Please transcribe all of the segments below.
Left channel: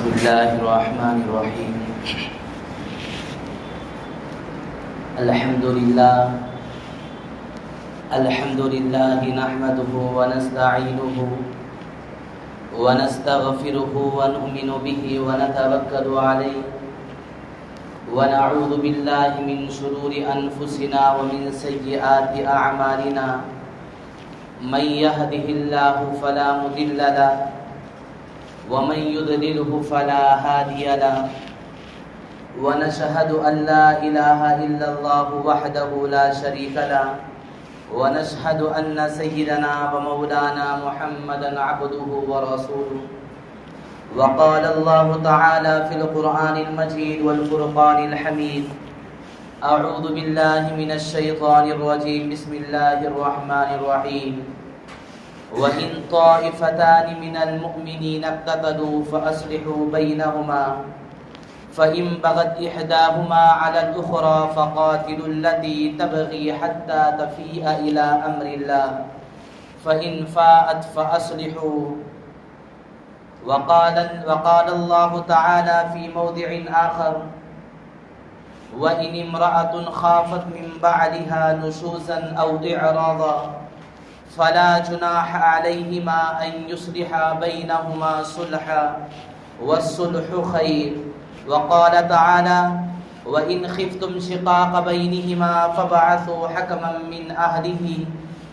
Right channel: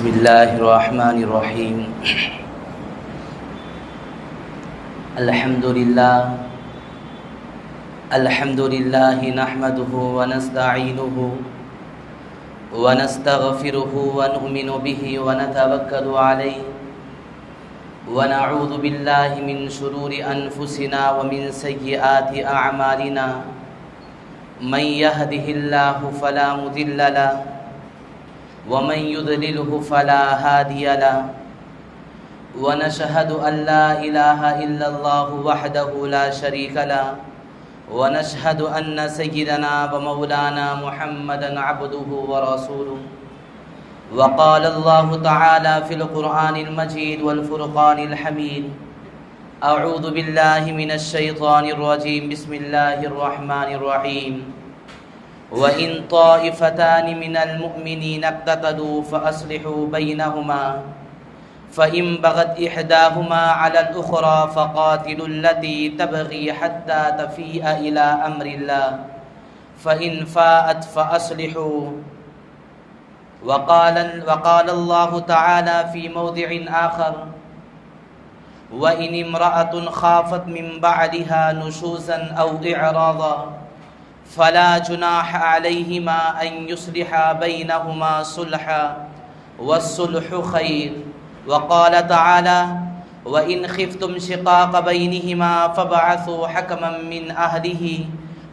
بسم الله الرحمن الرحيم. الحمد لله نحمده ونستعينه ونستغفره ونؤمن به ونتوكل عليه ونعوذ بالله من شرور أنفسنا ومن سيئات أعمالنا. من يهده الله فلا مضل له ومن يضلله فلا هادي له ونشهد أن لا إله إلا الله وحده لا شريك له ونشهد أن سيدنا ومولانا محمدا عبده ورسوله. وقال الله تعالى في القرآن المجيد والفرقان الحميد: أعوذ بالله من الشيطان الرجيم. بسم الله الرحمن الرحيم. وإن طائفتان من المؤمنين اقتتلوا فأصلحوا بينهما فإن بغت إحداهما على الأخرى فقاتلوا التي تبغي حتى تفيء إلى أمر الله فإن فاءت فأصلحوا. وقال الله تعالى في موضع آخر: وإن امرأة خافت من بعدها نشوزا أو إعراضا فلا جناح عليهما أن يصلحا بينهما صلحا والصلح خير. وقال تعالى: وإن خفتم شقاق بينهما فابعثوا حكما من أهله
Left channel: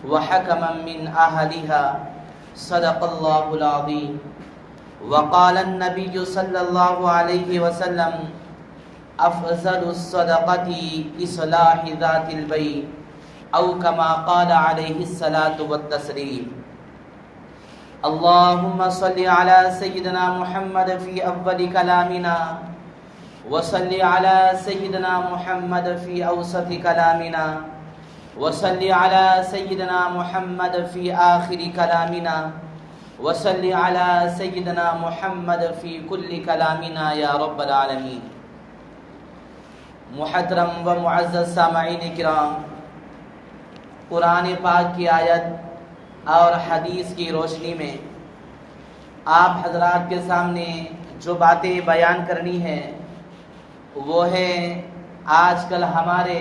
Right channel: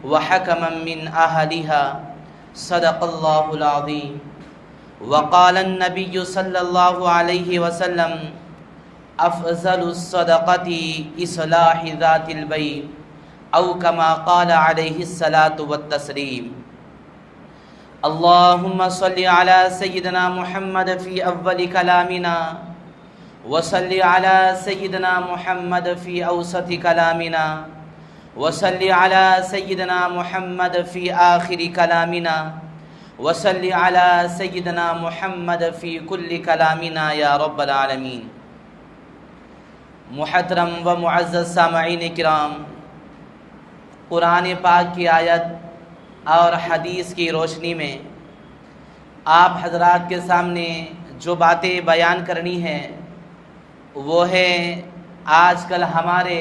وحكما من أهلها. صدق الله العظيم. وقال النبي صلى الله عليه وسلم: أفضل الصدقة إصلاح ذات البين، أو كما قال عليه الصلاة والتسليم. اللهم صل على سيدنا محمد في أول كلامنا، وصل على سيدنا محمد في أوسط كلامنا، وصل على سيدنا محمد في آخر كلامنا، وصل على سيدنا محمد في كل كلامنا يا رب العالمين. محترم و معزز سامعین کرام، قرآن پاک کی آیت اور حدیث کی روشنی میں آپ حضرات کے سامنے جو باتیں بیان کرنی ہیں وہ ہے آج کل ہمارے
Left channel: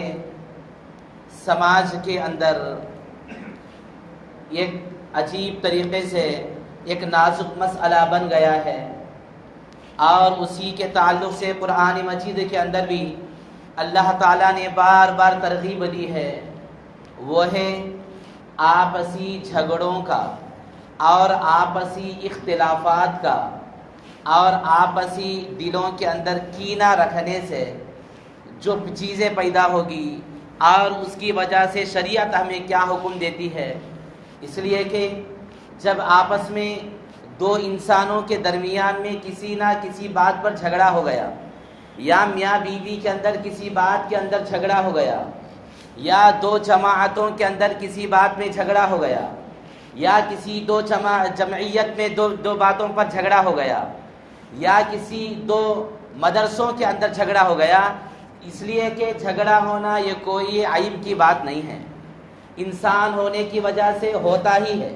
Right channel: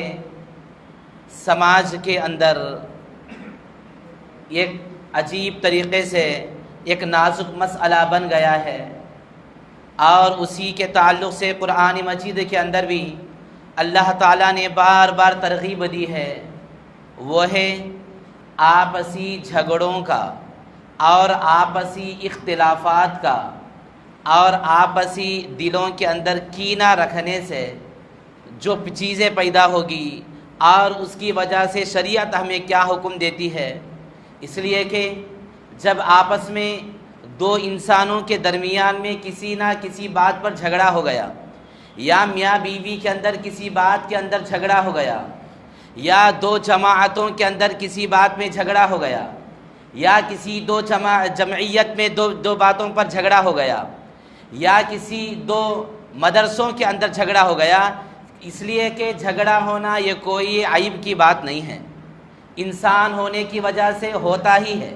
سماج کے اندر ایک عجیب طریقے سے ایک نازک مسئلہ بن گیا ہے، اور اسی کے تعلق سے قرآن مجید کے اندر بھی اللہ تعالیٰ نے بار بار ترغیب دی ہے، وہ ہے آپسی جھگڑوں کا اور آپسی اختلافات کا اور آپسی دلوں کے اندر کینہ رکھنے سے جو چیزیں پیدا ہوگی، اور اس کی وجہ سے شریعت ہمیں کیا حکم دیتی ہے. اس لیے کہ جب آپس میں دو انسانوں کے درمیان میں کسی نہ کسی بات پر جھگڑا ہو گیا، یا میاں بیوی کے اندر کسی بات کے اندر جھگڑا ہو گیا، یا دو جماعتوں کے اندر کسی بات میں جھگڑا ہو گیا، یا کسی دو جمعیت میں دو باتوں پر جھگڑا ہو گیا، یا کسی دو مدرسوں کے اندر جھگڑا ہو گیا، اس لیے کہ جھگڑا ہونا یہ کوئی عیب کی بات نہیں ہے، انسان ہونے کی وجہ سے ہوتا ہی ہے.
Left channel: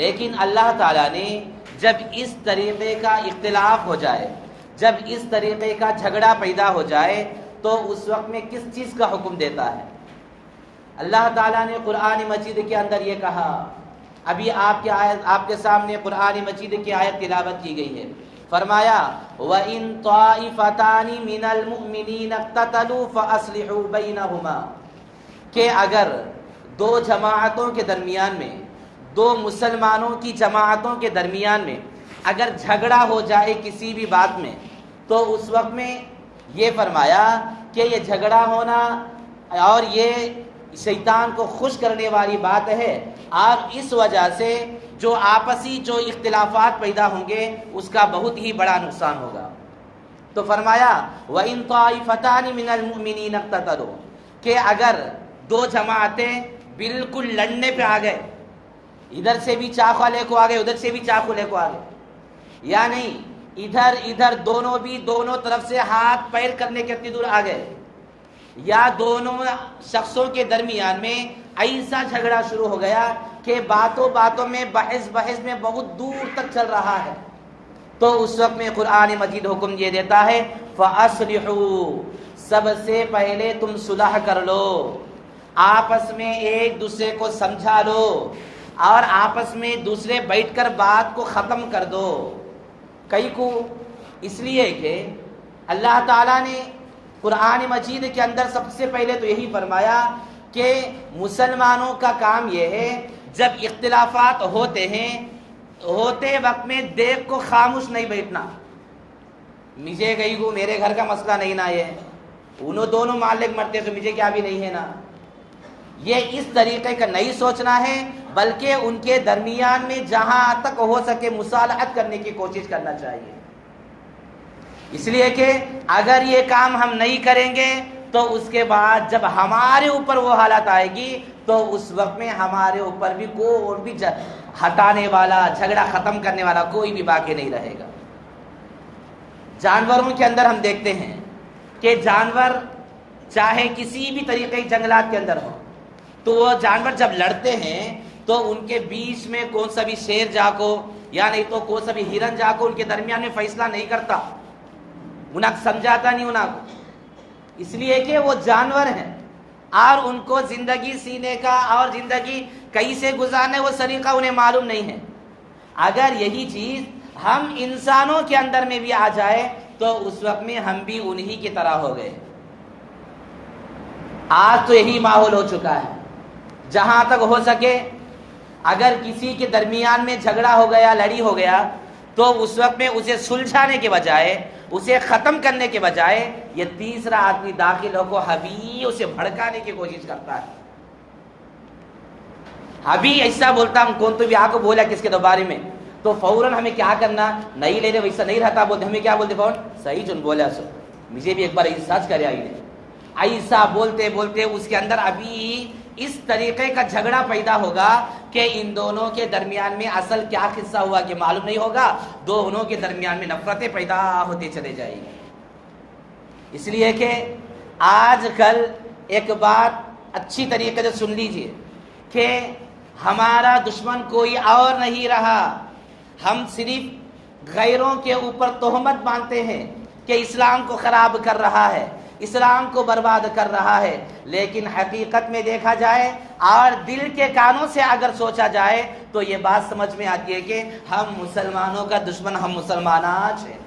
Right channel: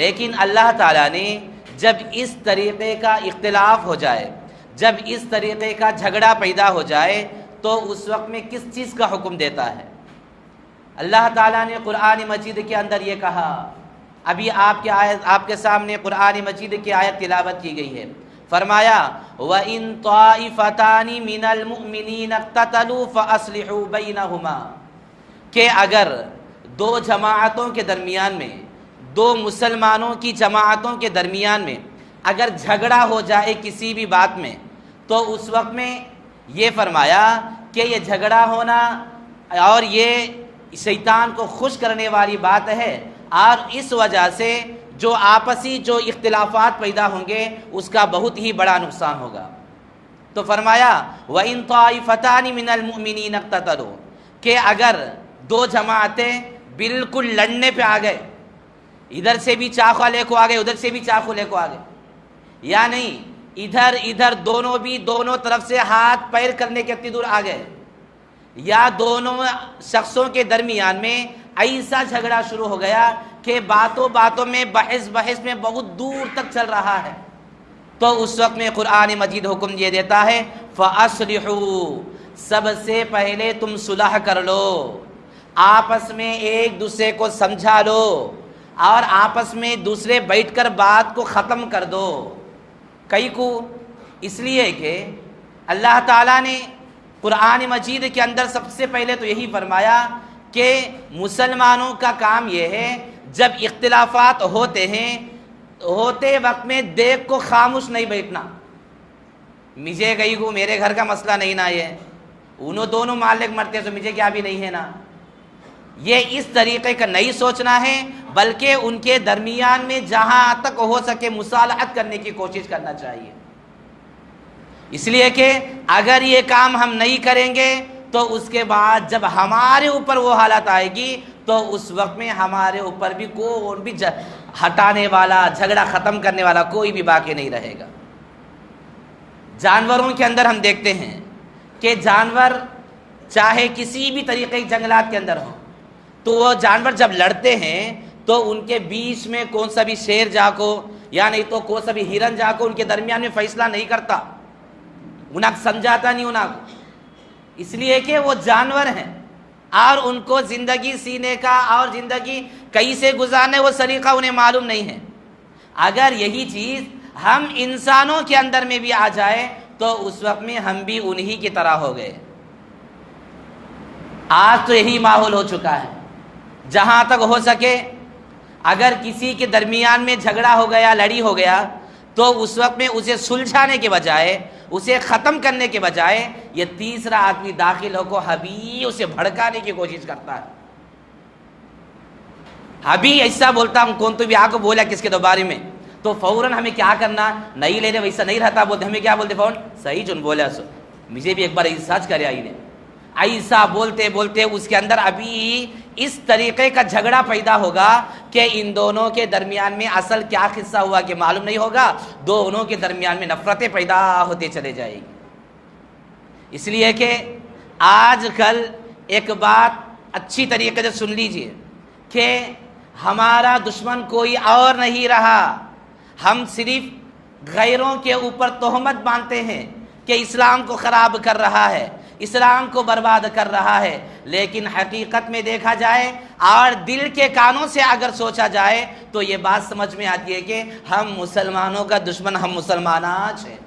لیکن اللہ تعالیٰ نے جب اس طریقے کا اختلاف ہو جائے، جب اس طریقے کا جھگڑا پیدا ہو جائے، تو اس وقت میں کس چیز کا حکم دیتا ہے؟ اللہ تعالیٰ نے قرآن مجید کے اندر یہ کہا، ابھی آپ کے سامنے قرآن مجید کی آیت تلاوت کی گئی ہے، فرمایا: وَإِن طَائِفَتَانِ مِنَ الْمُؤْمِنِينَ اقْتَتَلُوا فَأَصْلِحُوا بَيْنَهُمَا، کہ اگر دو جماعتوں کے درمیان میں، دو مسلمانوں کی جماعتوں کے درمیان میں اگر جھگڑا ہو جائے کسی بھی بات میں، تو اس وقت میں یہ فرمایا کہ یہ جھگڑا ہونا اور یہ شیطان کو خوش کرنے والی بات ہے، اور اس وجہ سے جو آپسی جو اختلافات پیدا ہوں گے اس کا بہت ہی بڑا نقصان ہوگا. تو فرمایا: وَإِن طَائِفَتَانِ مِنَ الْمُؤْمِنِينَ اقْتَتَلُوا، کہ اگر دو جماعتیں بالکل لڑنے پہ آ گئے، ادھر سے بھی چاقو لے کو آ گئے، ادھر سے بھی چاقو لے کو آ گئے، یا نہیں ادھر دونوں بھی دونوں طرف سے ہاتھ پیر کرنے کے اتنی دور آ گئے، یا دونوں شخصوں کے درمیان میں ایسا جھگڑا شروع ہو گیا کہ باتوں میں بحث میں بہت دور تک چل رہا ہے، تو اس وقت میں قرآن مجید حکم یہ دیتا ہے فَأَصْلِحُوا، سب سے پہلے تم صلح کر لو، آپس میں ایک دوسرے کو سمجھا لو اور آپس میں دوسرے بیٹھ کر بات کو ختم کر دو۔ کئی کو اس لیے کہ اللہ تعالیٰ نے قرآن مجید کے اندر سب سے پہلے تو یہی فرمایا کہ مسلمانوں کا کام یہ ہے جب اختلافات ہوتے ہیں ہوتے وقت میں دیکھ کو خاموش نہیں بیٹھنا، مجھے گئی کو میرے گھر کا مسئلہ نہیں نا، یہ انہوں دونوں مالک مرتے تو مجھے کیا بھی نہیں ہے نا، یہ اس طریقے کا نہیں سوچنا ہے، بلکہ ان کے درمیان میں جہاں تک ہو سکے مصالحت کرنے کی کوشش کرنا چاہیے۔ اس لیے کہ اگر یہ کام ہم نہیں کریں گے تو اس کے بعد جب ہمارے اوپر وہ حالت آئے گی تو اس وقت میں ہمارے اوپر بھی کوئی بھی ہٹانے والا، جھگڑا ختم کرنے والا کوئی بھی باقی نہیں رہے گا۔ جانوروں کے اندر ہم دیکھتے ہیں کہ جانور چاہے کسی بھی طریقے جنگلات کے اندر ہو تو وہ جانور جب لڑتے ہیں تو ان کے بیچ میں کون سا بھی شیر جا کو یا نہیں تو کون سا بھی ہرن جا کو ان کے درمیان میں فیصلہ نہیں کرتا، انہیں سمجھاتا نہیں انہیں کو، اس لیے کہ وہ جانور ہیں اور ان کو زندگی سینے کا اور زندگی کیسے گزارنے وہ سلیقہ انہیں معلوم نہیں ہے۔ اگر یہی چیز ہم انسانوں کے اندر میں بھی آ جائے تو اس وقت میں ہم بھی انہی کی طرح ہو گئے۔ آج تو یہی ماحول ہو چکا ہے، جہاں تک ہو سکے اگر کسی کے درمیان میں جھگڑا ہو گیا، لڑی ہو گیا تو اس وقت میں اسے سلجھانے کے بجائے، اسے ختم کرنے کے بجائے یہ تیسرا آدمی داخل ہو کو ابھی اسے بھڑکانے کی کوشش کرتا ہے۔ ابھی ایسا بولتا ہوں کون تو بھی آپ کو بولا کس کے دوبارے میں تو فوراً ہمیں کیا کرنا، نہیں لے لے ویسا نہیں رہتا، بولتے ہمیں کیا بولتے فوراً صحیح جو بولا سو مجھے بھی ایک بار سچ کرے آئی نے، ایسا بولتے بولتے اس کے اندر ابھی اس طریقے کا جھگڑا پیدا ہوگا کہ ان دونوں کے درمیان میں اصل کیا قصہ ہوا کہ معلوم نہیں ہوگا، دونوں کے درمیان میں نفرتیں پیدا ہوتے چلے جائیں گی۔ اس لیے کہ آج کل ایک بات اچھی طریقے سے سن لیجئے کہ ہمارا دشمن کوئی اور نہیں رہا، ہم صرف غیروں کے اوپر تہمت باندھتے ہیں کہ اسلام کو خراب کر رہا ہے، اسلام کو برباد کر رہا ہے، لیکن حقیقت میں دیکھا جائے اور دل کے کانوں سے اگر سوچا جائے تو یہ بات سمجھ میں آتی ہے کہ ہم مسلمانوں کا دشمن ہم مسلمان آج ہیں۔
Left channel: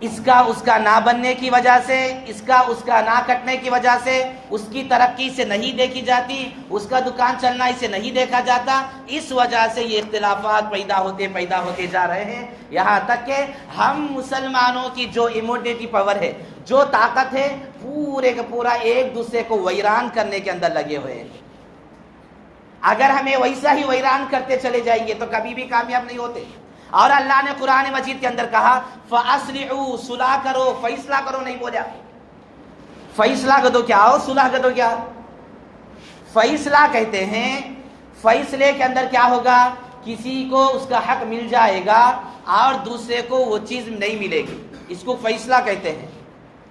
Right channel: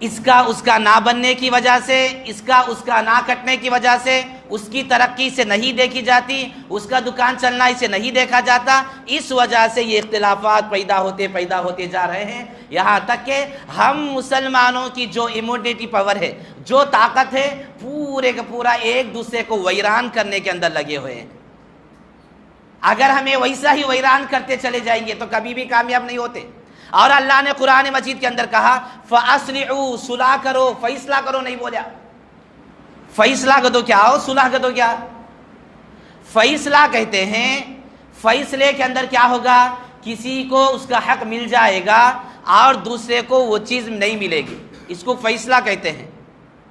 اس کا نہ بننے کی وجہ سے، اس کا نہ کٹنے کی وجہ سے، اس کی ترقی سے نہیں دیکھی جاتی، اس کا دکان چلنا اسے نہیں دیکھا جاتا، اس وجہ سے یہ اختلافات پیدا ہوتے جا رہے ہیں، یہاں تک کہ ہم مسلمانوں کی جو امیونٹی پاور ہے، جو طاقت ہے، پورے کا پورا ایک دوسرے کو ویران کرنے کے اندر لگے ہوئے ہیں۔ اگر ہمیں ویسا ہی ویران کرتے چلے جائیں گے تو کبھی بھی کامیاب نہیں ہوتے۔ اور اللہ نے قرآن مجید کے اندر کہا فَأَصْلِحُوا، صلح کرو، فیصلہ کرو نہیں بولا، فیصلہ کر دو کیا ہو، صلح کر دو کیا؟ فیصلہ کہتے ہیں، فیصلے کے اندر کیا ہوگا، کسی کو اس کا حق مل جائے گا اور دوسرے کو وہ چیز نہیں ملے گی، اس کو فیصلہ کہتے ہیں۔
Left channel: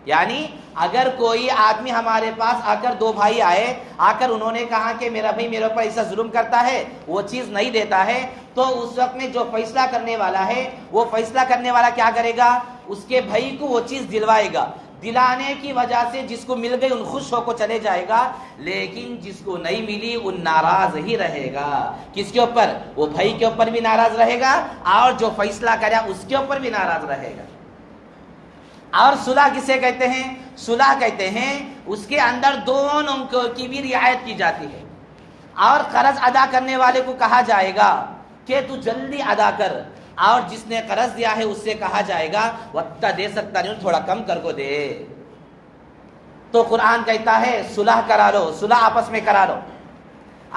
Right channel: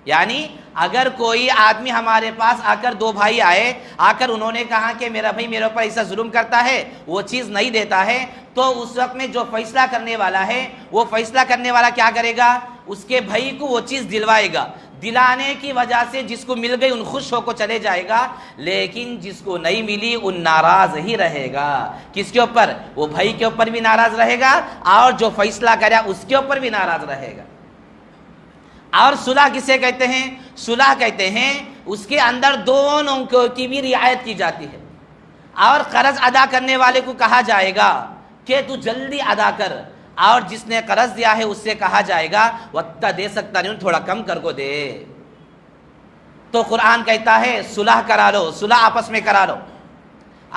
یعنی اگر کوئی آدمی ہمارے پاس آ کر، دو بھائی آئے، آ کر انہوں نے کہا کہ میرا بھائی میرے اوپر ایسا ظلم کرتا ہے، وہ چیز نہیں دیتا ہے، تو اس وقت میں جو فیصلہ کرنے والا ہے وہ فیصلہ کرنے والا کیا کرے گا، اس کے بھائی کو وہ چیز دلوائے گا، دلانے کی وجہ سے جس کو مل گئی ان خوش ہو کو چلے جائے گا، لیکن جس کو نہیں ملی ان ناراض ہی رہے گا۔ کس کے اوپر؟ وہ بھائی کے اوپر بھی ناراض رہے گا اور جو فیصلہ کرا اس کے اوپر بھی ناراض رہے گا۔ اور صلح کسے کہتے ہیں؟ صلح کہتے ہیں اس کے اندر دونوں کی بھی رعایت کی جاتی ہے، اور قرض ادا کرنے والے کو کہا جائے گا کہ تو جلدی ادا کر، اور جس نے قرض دیا ہے اس سے کہا جائے گا وہ اتنا دے سکتا نہیں، تھوڑا کم کر کو دے۔ تو قرآن کہتا ہے صلح کرا لو، صلح آپس میں کرا لو۔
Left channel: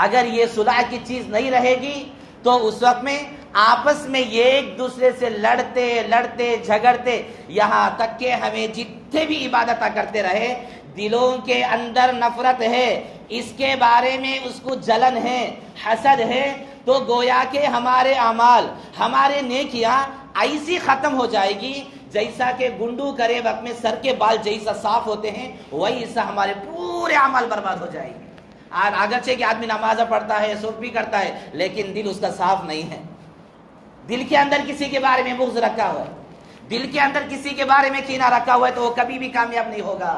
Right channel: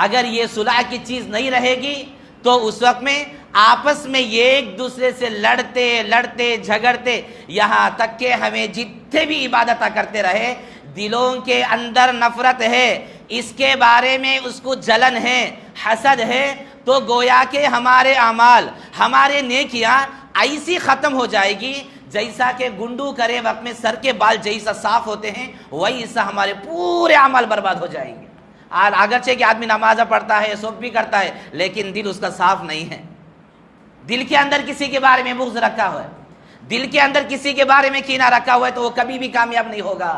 اگر یہ صلح کی چیز نہیں رہے گی تو اس وقت میں آپس میں ایک دوسرے سے لڑتے جھگڑتے، یہاں تک کہ ہمیں جتنے بھی عبادت کرتے رہے دلوں کے اندر نفرت ہے، اس کے بارے میں اس کو جلن ہے، حسد ہے، تو گویا کہ ہمارے اعمال، ہمارے نیکیاں ایسی ختم ہو جائے گی جیسا کہ گنڈو کرے وقت میں سر کے بال جیسا صاف ہوتے ہیں، ویسا ہمارے پورے اعمال برباد ہو جائیں گے۔ اگرچہ کہ آدمی نماز پڑھتا ہے، صبح بھی کرتا ہے، لیکن دل اس کا صاف نہیں ہے۔ دل کے اندر کسی کے بارے میں بغض رکھا ہوا ہے، دل کے اندر کسی کے بارے میں کینہ رکھا ہوا ہے تو وہ کبھی بھی کامیاب نہیں ہوگا۔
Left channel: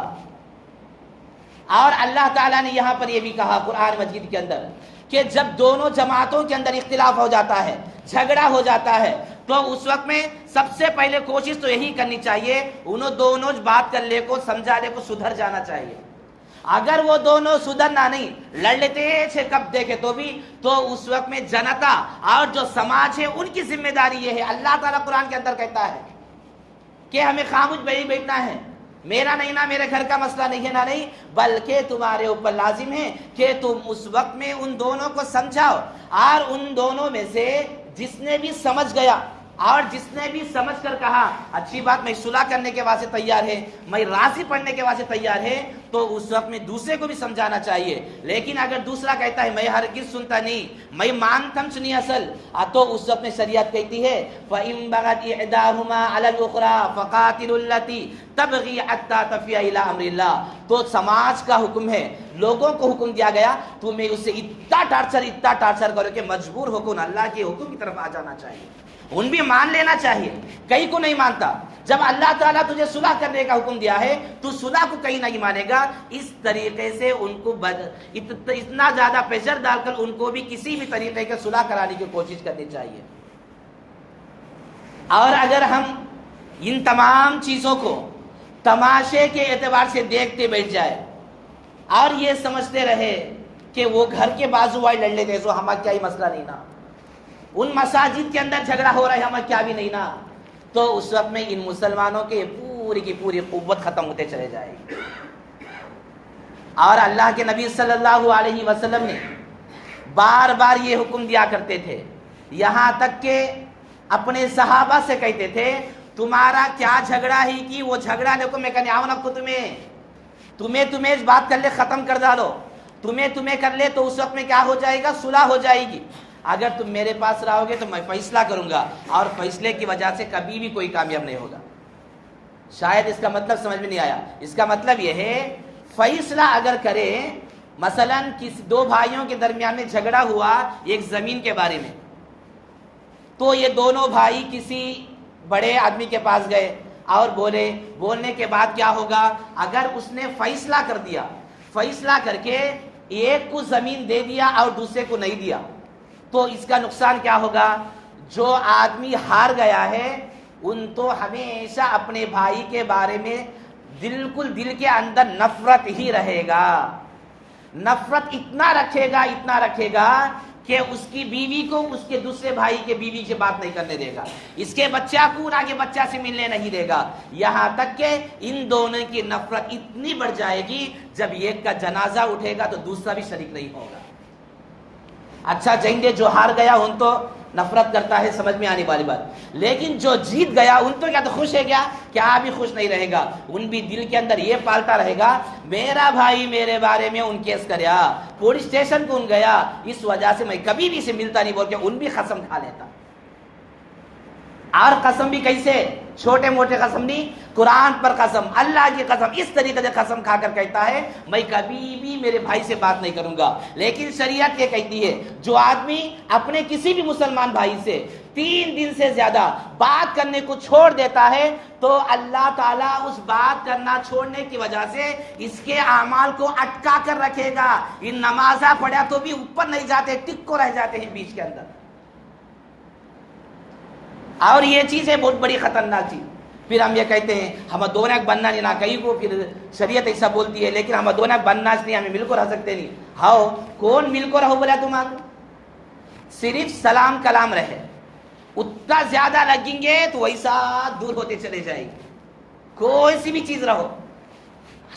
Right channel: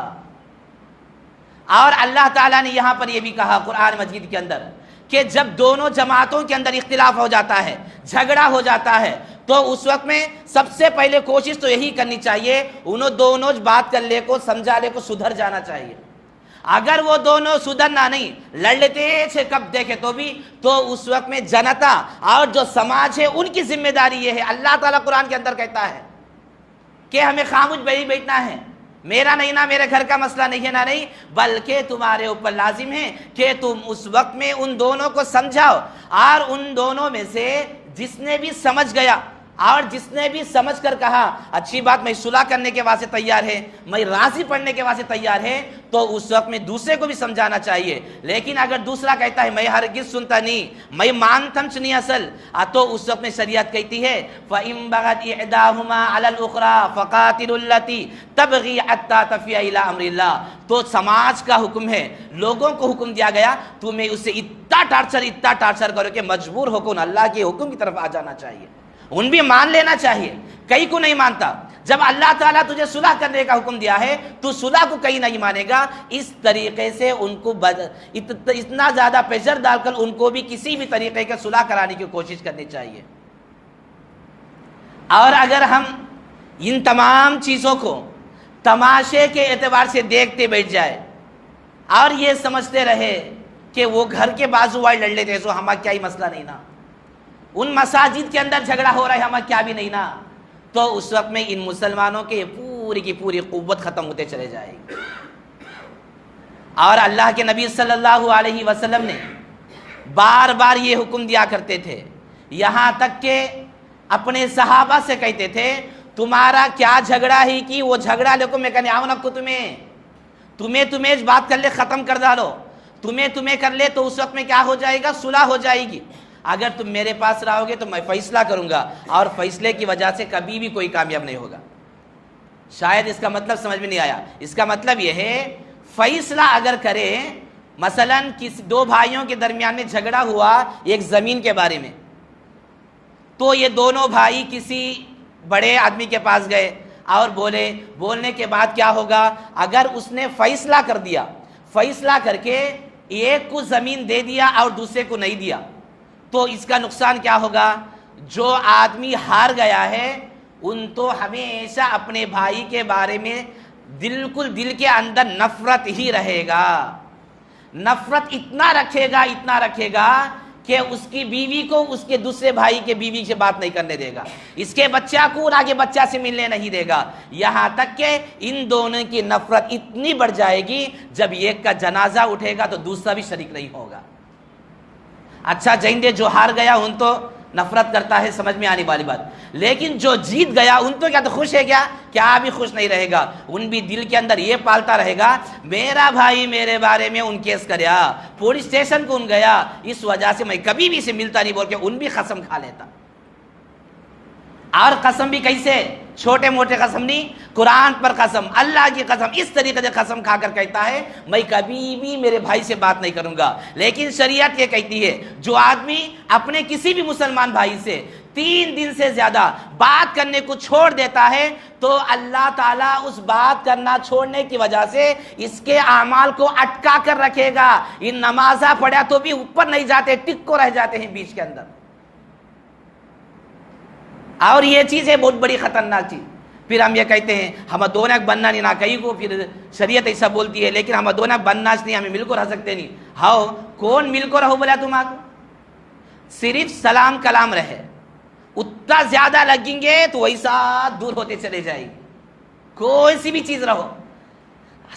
اور اللہ تعالیٰ نے یہاں پر یہ بھی کہا قرآن مجید کے اندر کہ جب دونوں جماعتوں کے اندر اختلاف ہو جاتا ہے، جھگڑا ہو جاتا ہے، تو اس وقت میں سب سے پہلے کوشش تو یہی کرنی چاہیے انہوں دونوں بات کر لے کو، سمجھا لے کو، سدھر جانا چاہیے۔ اگر وہ دونوں سدھرنا نہیں، لڑ لیتے تھے کب دیکھے تو بھی، تو اس وقت میں جنتا اور جو سماج ہے ان کی ذمہ داری یہ ہے۔ اللہ تعالیٰ قرآن کے اندر کہتا ہے کہ ہمیں خاموش بیٹھنا ہے، میرا نہیں نا، میرے گھر کا مسئلہ نہیں ہے نا، نہیں، بلکہ تمہارے اوپر لازم ہے کہ تم اس وقت میں ان دونوں کو سمجھاؤ، اور ان دونوں میں سے جس نے بھی سمجھ گیا اور جس نے بھی سمجھ کر کہا اچھی بات میں صلح کرنے کے واسطے تیار ہے، میں راضی پڑھنے کے واسطے تیار ہے، تو اس وقت میں دوسرے کو بھی سمجھانا چاہیے۔ لیکن اگر دوسرا کہتا ہے میں ہرگز سنتا نہیں، میں مانتم نہیں اصل، تو اس وقت میں شریعت کہتی ہے فَإِن بَغَتْ إِحْدَاهُمَا عَلَى الْأُخْرَى فَقَاتِلُوا الَّتِي تَبْغِي حَتَّى تَفِيَ إِلَىٰ أَمْرِ اللَّهِ۔ تو سماج کا حکم ہے، لوگوں کو حکم دیا گیا تمہیں اس سے اتنا ٹارچر کرو کہ مجبور ہو کر اللہ کے حکم کی طرف آ جانا چاہیے، ان بھی مان لینا چاہیے۔ کئی کو نہیں مانتا، جب اللہ تعالیٰ تجھے صلح کرنے کا حکم دیا ہے تو صلح کو کہیں نہیں مانے گا۔ اس طریقے سے ان کو اتنا زیادہ پریشر ڈال کر ان کو بھی کسی بھی طریقے کے صلح کرانے کی کوشش کرنی چاہیے۔ اور اگر ہم ان تمام چیزوں کو تماشے کے اعتبار سے دیکھتے بیٹھ جائے اور یہ سمجھتے رہے کہ وہ گھر کے بازو والے لڑ لیتے سو ہمارا کیا ہی مسئلہ نہیں نا، ان مساجد کے اندر جھگڑا ہو رہا ہے ہمارا کیا بھی نہیں نا، تو اس وقت میں ان مسلمانوں کے پوری کی پوری قوت ختم ہوتے چلے جائے گی۔ اور اللہ کے نبی صلی اللہ علیہ وسلم نے بار بار یہ حکم دیا کرتے تھے، یہاں تک کہ اپنے صحابہ سے کہتے تھے تمہارا کیا جھگڑا ہی کی وہ جھگڑا لے کو میں کہنے آؤں کو تمہیں بات کر لے ختم کر ڈالو، تمہیں کر لے تو اس وقت میں کیا ہو جائے گا، صلح ہو جائے گی۔ اگر تم میرے پاس رہو گے تو میں فیصلہ کروں گا، اور فیصلے کی وجہ سے کبھی بھی کوئی کامیاب نہیں ہوگا۔ شاید اس کا مطلب سمجھ میں نہیں آیا۔ اس کا مطلب یہ ہے فیصلہ اگر کرے، مثلا دو بھائیوں کے درمیان میں جھگڑا ہوا ایک زمین کے بارے میں، تو یہ دونوں بھائی کسی بڑے آدمی کے پاس گئے اور بولنے کے بعد کیا ہوگا، اگر اس نے فیصلہ کر دیا، فیصلہ کر کے ایک کو زمین دے دیا اور دوسرے کو نہیں دیا، تو اس کا نقصان کیا ہوگا، جو آدمی ہار گیا ہے ان تو ہمیشہ اپنے بھائی کے بارے میں بالکل دل کے اندر نفرت ہی رہے گا، نفرت اتنا رکھے گا کہ اس کی بیوی کو اس کے دوسرے بھائی کے بیوی سے بات نہیں کرنے دے گا، اس کے بچہ کو آگے بچہ سے ملنے نہیں دے گا، یہاں تک کہ ان دونوں کی نفرت اتنی بڑھ جائے گی جب ایک کا جنازہ اٹھے گا تو دوسرا بھی شریک نہیں ہوگا۔ اچھا جیندے جو ہار گیا ان تو نفرت کرتا ہے، سمجھ میں آنے والی بات، لیکن جو جیت گیا ان تو کیا تو خوش ہے، کیا بھی خوش نہیں رہے گا، ان بھی دل کے اندر یہ پالتا رہے گا میرا بھائی میرے بارے میں ان کیس کریا، پولیس اسٹیشن کو ان گیا، اس وجہ سے میں کبھی بھی سے ملتا نہیں، بول کے ان بھی قسم کھا لیتا۔ اور قسم بھی کیسے، چھوٹے موٹے قسم نہیں، قرآن پر قسم، اللہ کی قسم، اس طریقے سے قسم کھا کر کہتا ہے میں کبھی بھی میرے بھائی سے بات نہیں کروں گا۔ لیکن شریعت یہ کہتی ہے جو آدمی اپنے کسی بھی مسلمان بھائی سے 3 دن سے زیادہ بات کرنے کو چھوڑ دیتا ہے تو اللہ تعالیٰ اس بات کرنا چھوڑنے کی وجہ سے اس کے اعمال کو اٹکا کر رکھے گا، یہ نمازہ پڑھا تو بھی اوپر نہیں جاتے، ٹک کو رہ جاتے ہیں بیچ کے اندر۔ اور یہ چیز ہے بہت بڑی خطرناک چیز۔ پھر ہم یہ کہتے ہیں ہم دونوں بننا نہیں، نہ کہیں کو پھر شریعت ایسا بولتی ہے، لیکن ہم دونوں بننا نہیں، ہمیں مل کو رہ سکتے نہیں۔ ہاؤ کون مل کو رہو بولا تم آگ، صرف سلام کلام رہے، اتنا زیادہ لگیں گے تو ویسا دور ہوتے چلے جائے گی۔ کوئی سی بھی چیز رہو،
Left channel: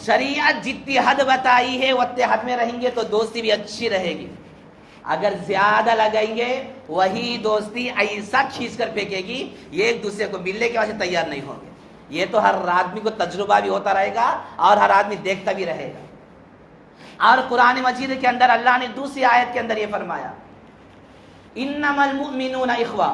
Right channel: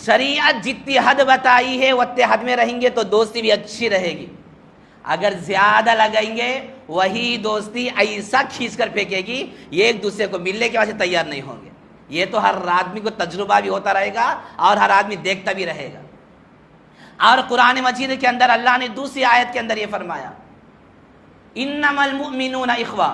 شریعت جتنی حد بتائی ہے اتنے حد میں رہیں گے تو دوستی بھی اچھی رہے گی۔ اگر زیادہ لگائیں گے وہی دوستی ایسا کھینچ کر پھینکے گی یہ ایک دوسرے کو ملنے کے واسطے تیار نہیں ہوں گے۔ یہ تو ہر آدمی کو تجربہ بھی ہوتا رہے گا اور ہر آدمی دیکھتا بھی رہے گا۔ اور قرآن مجید کے اندر اللہ نے دوسری آیت کے اندر یہ فرمایا انما المؤمنون اخوہ،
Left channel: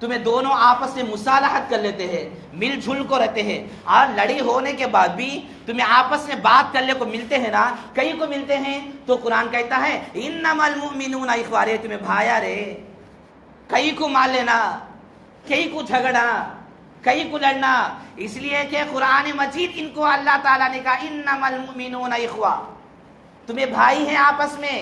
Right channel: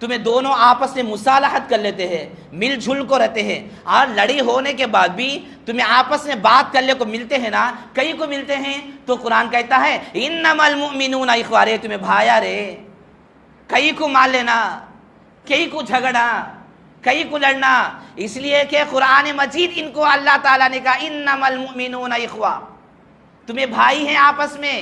تمہیں دونوں آپس میں مصالحت کر لیتے ہیں، مل جھل کو رہتے ہیں، اور لڑی ہونے کے بعد بھی تمہیں آپس میں بات کرنے کو ملتے ہیں نا، کئی کو ملتے ہیں، تو قرآن کہتا ہے انما المؤمنون اخوہ، رے تمہیں بھایا رے، کئی کو مان لینا، کئی کو جھگڑا، کئی کو لڑنا، اس لیے کہ قرآن مجید ان کو اللہ تعالیٰ نے کہا انما المؤمنون اخوہ، تمہیں بھائی ہیں آپس میں،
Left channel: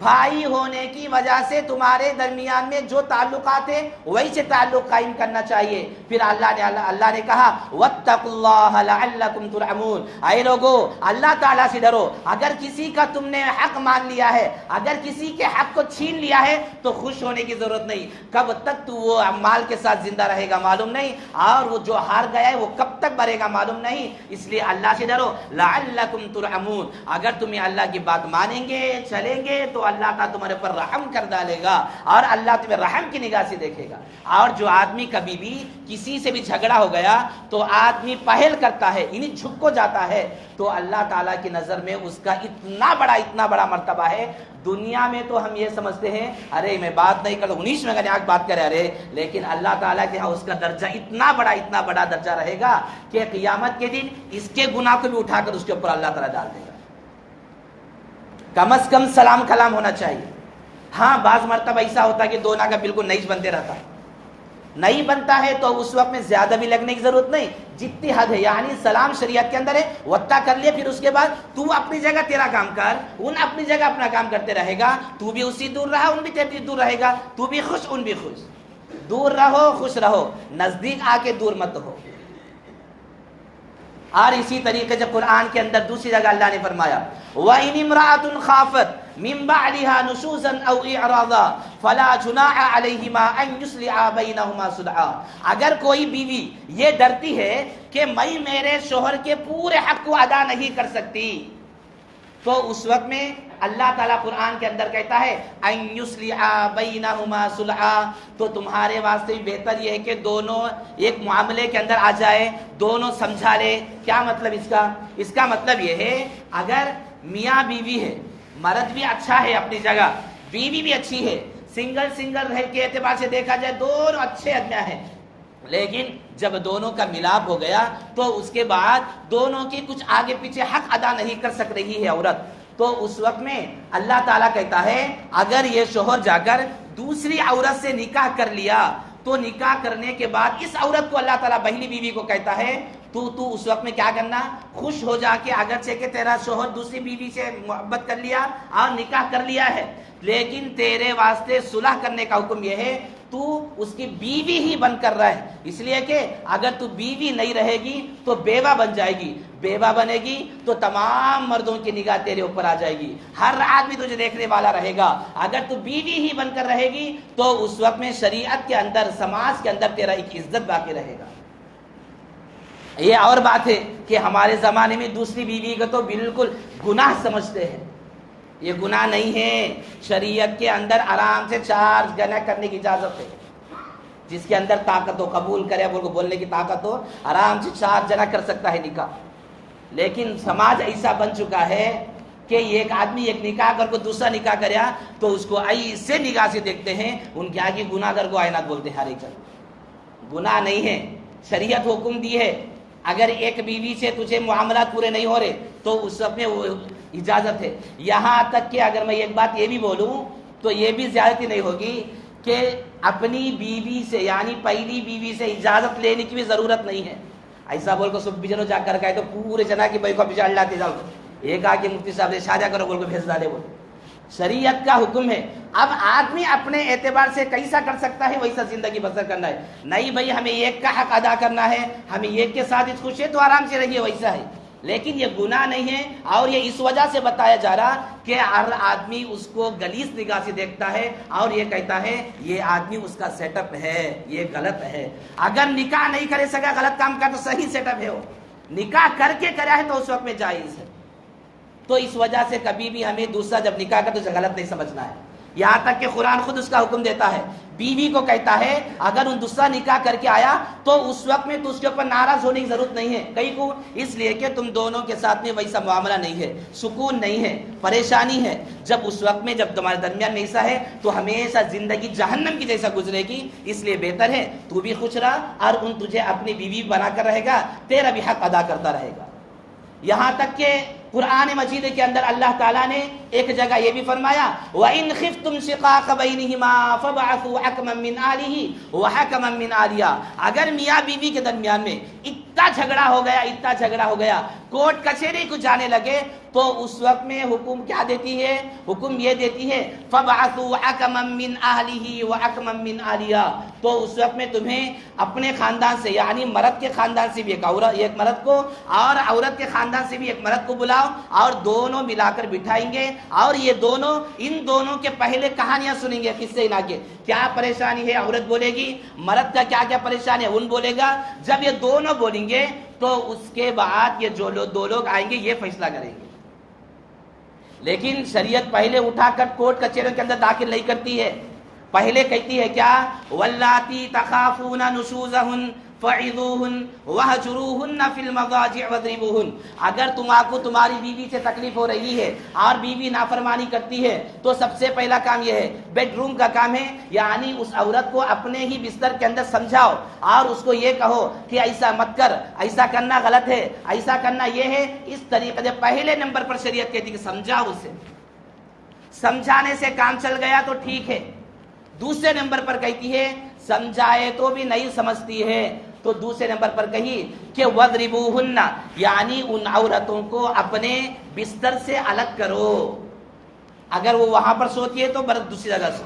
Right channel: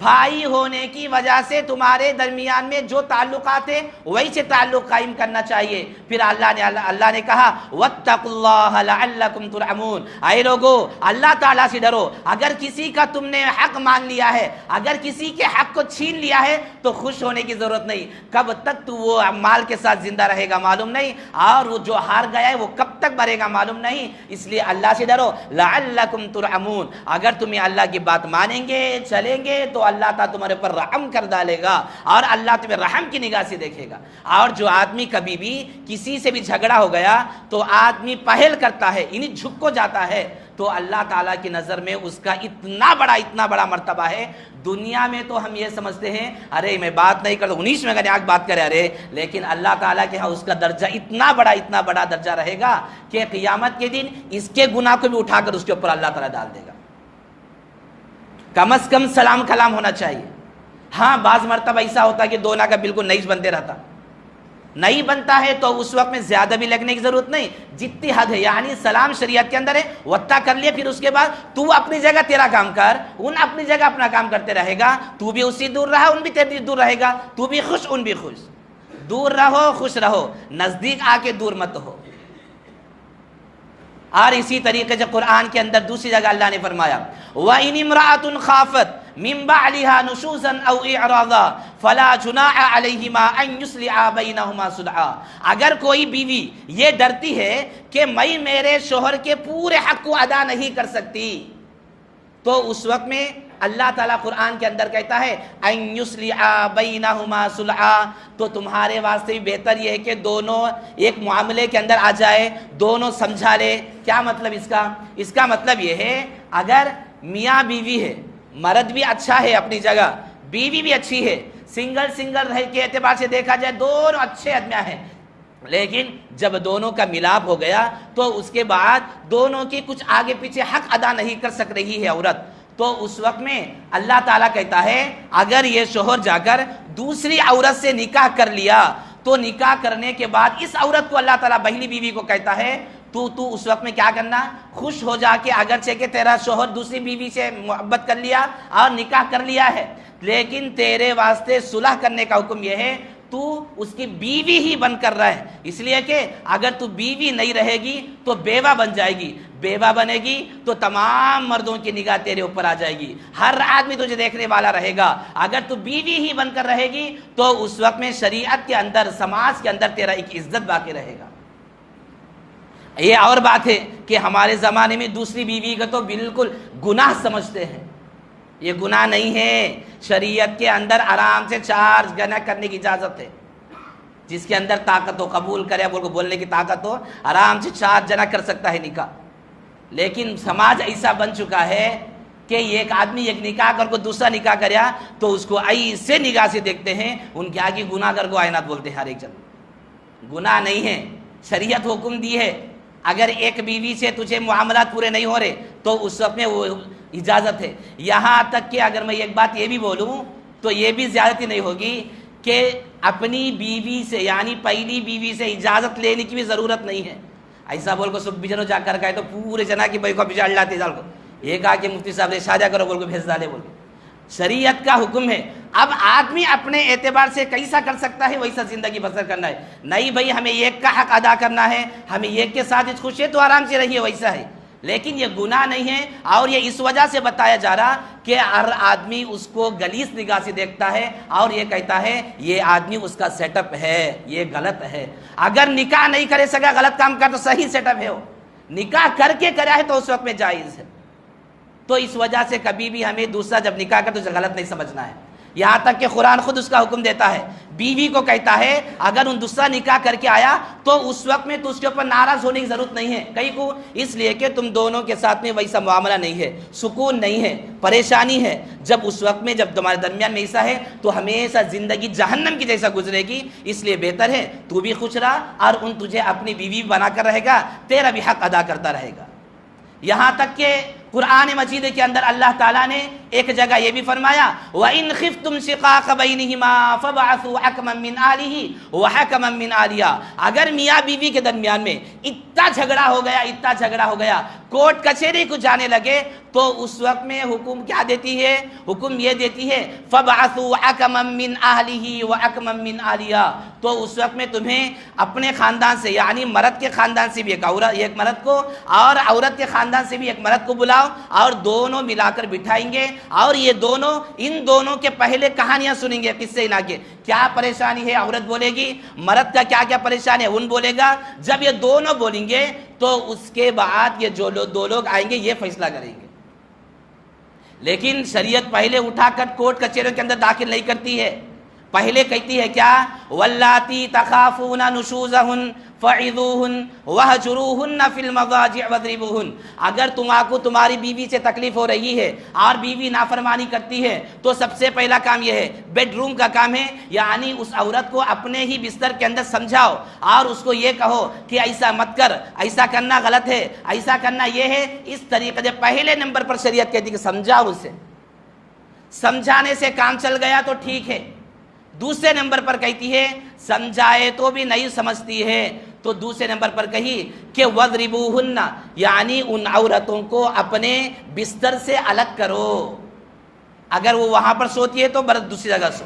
بھائی ہونے کی وجہ سے تمہارے درمیان میں جو تعلقات ہیں وہی سے تعلق قائم کرنا چاہیے۔ پھر اللہ نے کہا واتقوا اللہ لعلکم ترحمون، اے لوگو اللہ تعالیٰ سے ڈرو، اگر کسی کا تم نے حق مان لیا ہے، اگر کسی کے حق کو چھین لیا ہے تو خوش ہونے کی ضرورت نہیں، کب تک تو وہ مال کے ساتھ زندہ رہے گا معلوم نہیں، اور وہ جو ہار گیا ہے وہ کب تک بھرے گا معلوم نہیں، اس لیے اللہ سے ڈرو لعلکم ترحمون، اگر تمہیں اللہ کی بات مانیں گے چلیں گے تو اللہ تعالیٰ تمہارے پر رحم کر ڈالے گا، اور اللہ تمہیں رحم کی نگاہ سے دیکھے گا۔ اور جو آدمی کبھی بھی کسی سے بھی جھگڑا ہو گیا تو آدمی پہل کرتا ہے، یعنی جھک کو جاتا ہے، تو اللہ تعالیٰ کی نظر میں اس کا اتنا بڑا مرتبہ ہے۔ دنیا میں تو ہم یہ سمجھتے ہیں ارے میں بات نہیں کرتا، 19 میں اگر بات کرے ارے، لیکن اللہ تعالیٰ کے ہاں اس کا درجہ اتنا بڑا درجہ رہے گا کہ قیامت کے دن اس کے گناہ کو بھی اٹھا کر اس کے اوپر اللہ تعالیٰ ڈال دے گا۔ کم از کم سلام کلام ہونا چاہیے۔ ہاں بعض مرتبہ ایسا ہوتا ہے کہ دونوں کا بالکل نہیں بنتے رہتا، نہیں بنتا ہے تو اس وقت میں زیادہ بھی لگنے کی ضرورت نہیں، جتنی حد ہے، یعنی سلام شریعت کے اندر ہے، وطا کر لیا، پھر اس کے بعد تو اپنی جگہ تیرا کام کر، ان اپنی جگہ اپنا کام کرتے رہے گا، تو بھی اسی دور رہا، ان بھی تیری دور رہے گا، تو بھی خوش ان بھی خوش، دور رہو خوش رہو، نزدیک آ کے دور مت ہو۔ اور اسی طریقے سے قرآن کے اندر دوسری جگہ اللہ نے فرمایا وَإِنِ امْرَأَةٌ خَافَتْ مِنْ بَعْلِهَا نُشُوزًا أَوْ إِعْرَاضًا فَلَا جُنَاحَ عَلَيْهِمَا أَنْ يُصْلِحَا بَيْنَهُمَا صُلْحًا، اگر کوئی بیوی یہ ڈرتی ہے کہ میں میرے شوہر کے پورے حق کو ادا نہیں کر سکتی، تو اس وقت میں اللہ تعالیٰ قرآن کے اندر کہتا ہے ان یصلحا بینہما صلحا، تو تمہارے واسطے بھی بہتر یہ ہے کہ دونوں ایک معاملے کے اندر آ جائے، دونوں سمجھا لے۔ کیا مطلب اس کا مطلب یہ ہے اگر میاں بیوی ہے، مرد بھی اچھا ہے اپنی جگہ، بیوی بھی اچھی ہے، سنگل رہ کے اعتبار سے دیکھا جائے دونوں اچھے آدمی ہیں، لیکن جب دونوں کا ملاپ ہو گیا تو اس کے بعد دونوں کی کچھ آگے پیچھے حق ادا نہیں کر سک رہی ہے عورت، تو اس وقت میں اللہ تعالیٰ کہتا ہے اگر یہ شوہر جا کر دوسری عورت سے نکاح کر لیا تو نکاح کرنے کے بعد اس عورت کو اللہ تعالیٰ پہلی بیوی کو کہتا ہے تو اس وقت میں کیا کرنا، خوش ہو جا کے، اگرچہ کہ تیرا شوہر دوسری بیوی سے محبت کر لیا اور نکاح کر لیا ہے، لیکن تیرے واسطے صلح کرنے کا حکم یہ ہے تو اس کی بیوی ہی بن کر رہے، اس لیے کہ اگر تو بیوی نہیں رہے گی تو بیوہ بن جائے گی، بیوہ بنے گی تو تمام مردوں کی نگاہ تیرے اوپر آ جائے گی، ہر آدمی تجھے دیکھنے والا رہے گا، اگر تو بیوی ہی بن کر رہے گی تو اس وقت میں شریعت کے اندر، سماج کے اندر تیرا ایک عزت باقی رہے گا۔ یہ اور بات ہے کہ ہمارے زمانے میں دوسری بیوی کو تو بالکل گناہ سمجھتے ہیں، یہ گناہ نہیں ہے، شریعت کے اندر آرام سے 4 جنا کرنے کی اجازت ہے، جس کے اندر طاقت ہو قبول کرے، بولنے کی طاقت ہو، آرام سے 4 جنا کر سکتا ہے نکاح، لیکن سماج ایسا بن چکا ہے کہ ایک آدمی ایک نکاح کر کو دوسرا نکاح کریا تو اس کو ایسے نگاہ سے دیکھتے ہیں، ان کے آگے گناہ گر کو آئینات بولتے ہیں، ہر ایک جگہ گناہ نہیں ہے، شریعت حکم دی ہے اگر ایک بیوی سے تجھے معاملات پورے نہیں ہو رہے تو اس وقت میں وہ اجازت ہے، یہاں تک کہ اگر میں ایک بات یہ بھی بولوں تو یہ بھی زیادتی نہیں ہوگی کہ اپنی بیوی سے، یعنی پہلی بیوی سے اجازت لینے کی بھی ضرورت نہیں ہے، ایسا بول کو سب جنوں جا کر کہے تو پورے جنا کی بھائی کو بچاڑ لاتے جاؤ کو، ایک آ کے مفتی صاحب نے شادہ کرو بول کو بھیج ڈالے، بول شریعت کا حکم ہے۔ اب آدمی اپنے اعتبار سے کیسا کر سکتا ہے ویسا زندگی بسر کرنا ہے، نہیں بھائی ہمیں ایک کا حق ادا کرنا ہے، ہمیں ایک کے ساتھ خوش ہے تو آرام سے رہیے، ویسا ہے، لیکن یہ گناہ نہیں ہے، اور یہ اس وجہ سے بتایا جا رہا کہ ہر آدمی اس کو غلیظ نگاہ سے دیکھتا ہے اور یہ کہتا ہے یہ آدمی اس کا سیٹ اپ ہے، یہ غلط ہے، اگر نکاح نہیں کرے سکا غلط کام کر تو صحیح سیٹ اپ ہے، وہ نکاح کر کے کرا ہے تو اس وقت میں جائز ہے، تو اس وجہ سے کبھی بھی ہمیں دوسرا جب نکاح کر تو غلط نہیں سمجھنا ہے، یہاں تک کہ قرآن خود اس کا حکم دیتا ہے، بیوی کو کہتا ہے اگر ان دوسرا نکاح کر کے آیا تو اس وقت میں تو اس کے اوپر ناراض ہونے کی ضرورت نہیں ہے، کئی کو اس لیے کہ تم دونوں کے ساتھ میں ویسا معاملہ نہیں ہے، سکون نہیں ہے، پریشانی ہے، جب اس وقت میں جب تمہارے درمیان میں ایسا ہے تو ہمیشہ زندگی جہنم کی جیسا گزرے گی، اس لیے بہتر ہے تو بھی خوش رہا اور ان تجھے اپنی بیوی بنا کر رہے گا، تیرا بھی حق ادا کرتا رہے گا۔ یہاں تک کہ قرآن مجید کے اندر اللہ تعالیٰ نے ایک جگہ یہ بھی فرمایا وَإِنْ خِفْتُمْ شِقَاقَ بَيْنِهِمَا فَابْعَثُوا حَكَمًا مِّنْ أَهْلِهِ وَحَكَمًا مِّنْ أَهْلِهَا۔ اگر میاں بیوی کے درمیان میں اتنا جھگڑا ہو گیا کورٹ کچہری کو جانے لگے تو اس وقت میں حکم کیا دیتی ہے؟ حکم یہ دیتی ہے فَابْعَثُوا حَكَمًا مِّنْ أَهْلِهِ وَحَكَمًا مِّنْ أَهْلِهَا۔ تو اس وقت میں تمہیں اپنے خاندان سے یعنی مرد کے خاندان سے بھی ایک مرد کو اور عورت کے خاندان سے بھی ایک مرد کو بلاؤ اور دونوں ملا کر بٹھائیں گے اور یہ دونوں ان دونوں کے پہلے کہانیاں سنیں گے، قصے لا کے کیا پریشانی ہے عورت بولے گی، مرد کا کیا کیا پریشانی ہے ان بولے گا۔ جب یہ دونوں بولیں گے تو اس کے بعد یہ جو دو لوگ آئیں گے یہ فیصلہ کریں گے۔ لیکن شریعت پہلے اٹھا کر کورٹ کچہریوں کے اندر داخل نہیں کرتی ہے، پہلے کہتی ہے کیا واللاتی تخافون نشوزہن فعظوہن وہجروہن فی المضاجع واضربوہن۔ اگر تمہاری بیوی سے تکلیف ہو رہی ہے اور بیوی نافرمانی کرتی ہے تو سب سے پہلا کام یہ ہے، بیڈ روم کا کام ہے، یعنی اس عورت کو اپنے ہی بستر کے اندر سمجھاؤ اور اس کو یہ کہو کہ ایسا مت کر، ایسا کرنا غلط ہے، ایسا کرنا یہ ہے۔ اس طریقے سے پہلے نمبر پر شریعت کہتی ہے کہ سمجھاؤ اسے، سمجھانے سے کام چل گیا تو ٹھیک ہے۔ دوسرے نمبر پر کہتی ہے سمجھائے تو بھی نہیں سمجھتی ہے تو دوسرے نمبر پر کہی کہ وَضْرِبُوهُنَّ، یعنی ان عورتوں کو اپنے بستر سے الگ کرو۔ اگر وہ وہاں پر سوتی ہے تو دوسری جگہ سو،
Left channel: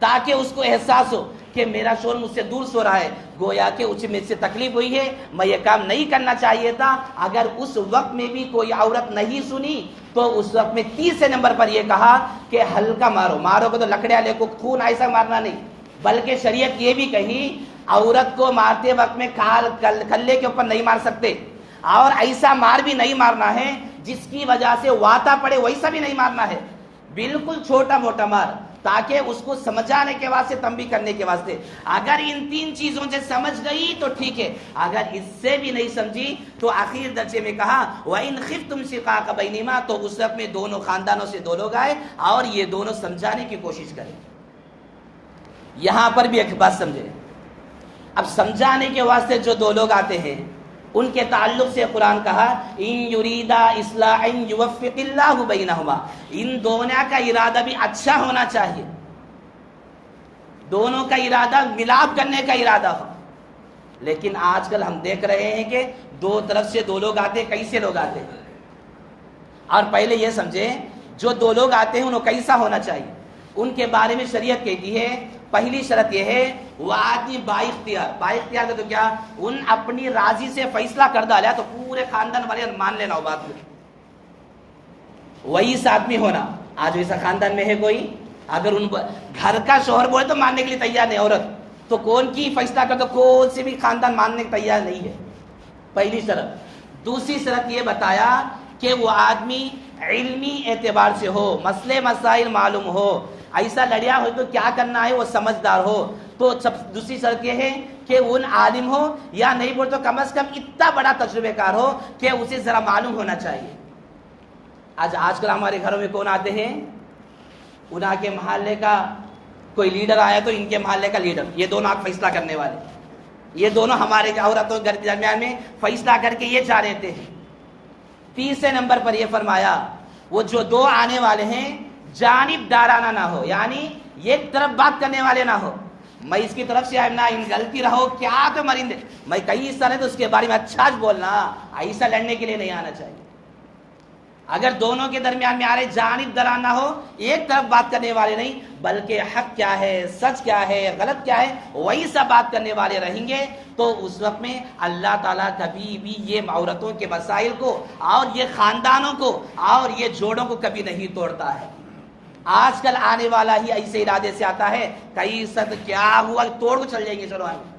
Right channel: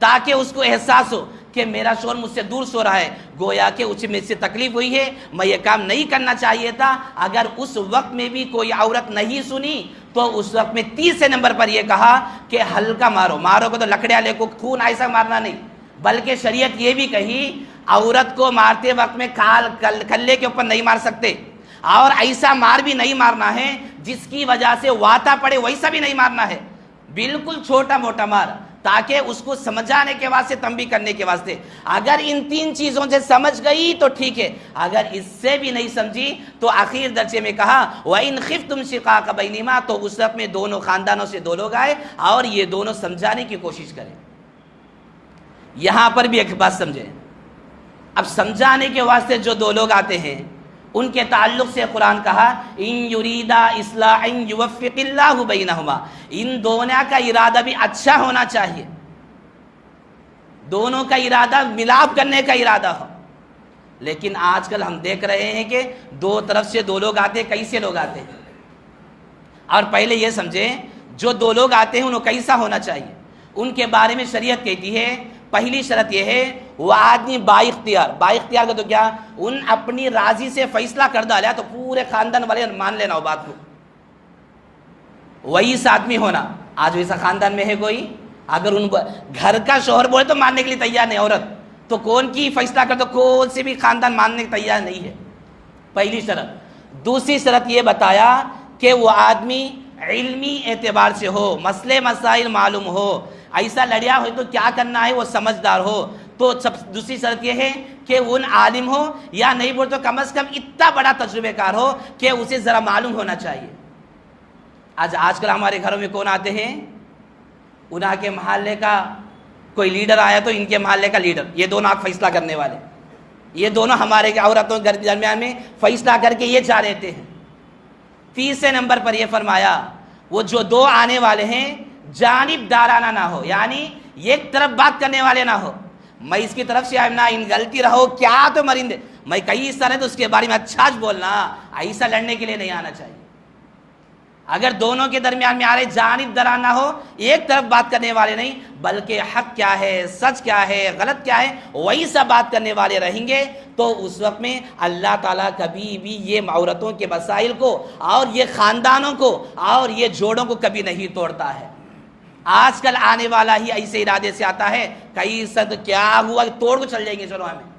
تاکہ اس کو احساس ہو کہ میرا شوہر مجھ سے دور سو رہا ہے، گویا کہ اسے مجھ سے تکلیف ہوئی ہے، میں یہ کام نہیں کرنا چاہیے تھا۔ اگر اس وقت میں بھی کوئی عورت نہیں سنی تو اس وقت میں تیسرے نمبر پر یہ کہا کہ ہلکا مارو گے تو لکڑیاں لے کو خون ایسا مارنا نہیں، بلکہ شریعت یہ بھی کہی عورت کو مارتے وقت میں کلے کے اوپر نہیں مار سکتے اور ایسا مار بھی نہیں مارنا ہے جس کی وجہ سے واتا پڑے، ویسا بھی نہیں مارنا ہے، بالکل چھوٹا موٹا مار، تاکہ اس کو سمجھانے کے واسطے، تنبیہ کرنے کے واسطے۔ اگر ان تین چیزوں سے سمجھ گئی تو ٹھیک ہے، اگر اس سے بھی نہیں سمجھی تو آخر درجے میں کہا وَإِنْ خِفْتُمْ شِقَاقَ بَيْنِهِمَا، تو اس وقت میں دونوں خاندانوں سے دو لوگ آئے اور یہ دونوں سمجھانے کی کوشش کریں۔ یہاں پر بھی ایک بات سمجھیں، اب سمجھانے کے واسطے جو دو لوگ آتے ہیں ان کے تعلق سے قرآن کہا ان یریدا اصلاحا یوفق اللہ بینہما، ان دونوں کا ارادہ بھی اچھا ہونا چاہیے، دونوں کا ارادہ ملاپ کرنے کا ارادہ ہو۔ لیکن آج کل ہم دیکھ رہے ہیں کہ دو طرف سے دو لوگ آتے ہیں، کیسے لوگ آتے ہیں؟ اور پہلے یہ سمجھیں جو دو لوگ آتے ہیں انہوں کیسا ہونا چاہیے، ان کے بارے میں شریعت کہتی ہے پہلی شرط یہ ہے وہ آدمی با اختیار کا تو کیا ان اپنی راضی سے فیصلہ کر ڈالا تو پورے خاندان والے مان لینا ہو بات کو، وہی آدمی ہونا۔ آج ویسا خاندان میں ہے کوئی؟ اگر ان گھر کا شوہر بولے تو ماننے کے لیے تیار نہیں عورت، تو کون کی فیصلہ کر تو کون سے بھی خاندان ماننے کے تیار نہیں ہے، پہلی شرط۔ دوسری شرط یہ بتایا کہ وہ آدمی علمی اعتبار سے ہو، مسئلے مسائل معلوم ہو، ایسا لڑیا ہو تو کیا کرنا ہے وہ سمجھدار ہو۔ تو دوسری شرط یہ ہے کہ ان عالم ہو یا نہیں بول تو کم از کم اتنا بڑا تجربہ کار ہو کہ اسے ذرا معلوم ہونا چاہیے۔ آج کل ہمارے گھروں میں کون آتے ہیں؟ انہاں کے محلے کا کوئی لیڈر آیا تو ان کے محلے کا لیڈر، یہ دونوں آپ فیصلہ کرنے والے، یہ دونوں ہمارے عورتوں کے درمیان میں فیصلہ کر کے یہ جا رہتے ہیں۔ تیسرے نمبر پر یہ فرمایا وہ جو دو آنے والے ہیں جانب دارانہ نہ ہو، یعنی ایک طرف بات کرنے والے نہ ہو، میں اس کی طرف سے نہ ان غلطی رہو کیا تو مرندے، میں کئی اس طرح تو اس کے بارے میں اچھا بولنا، ایسا لڑنے کے لیے نہیں آنا چاہیے۔ اگر دونوں کے درمیان میں آ رہے جانب دارانہ ہو، ایک طرف بات کرنے والے نہیں بلکہ حق کیا ہے، سچ کیا ہے، غلط کیا ہے وہی سب بات کرنے والے رہیں گے تو اس وقت میں اللہ تعالیٰ کبھی بھی یہ عورتوں کے مسائل کو اور یہ خاندانوں کو اور یہ جوڑوں کو کبھی نہیں توڑتا ہے۔ آج کل آنے والا ہی ایسے ارادے سے آتا ہے، کئی صد کیا ہوا توڑ کو چل جائیں گے شروع میں،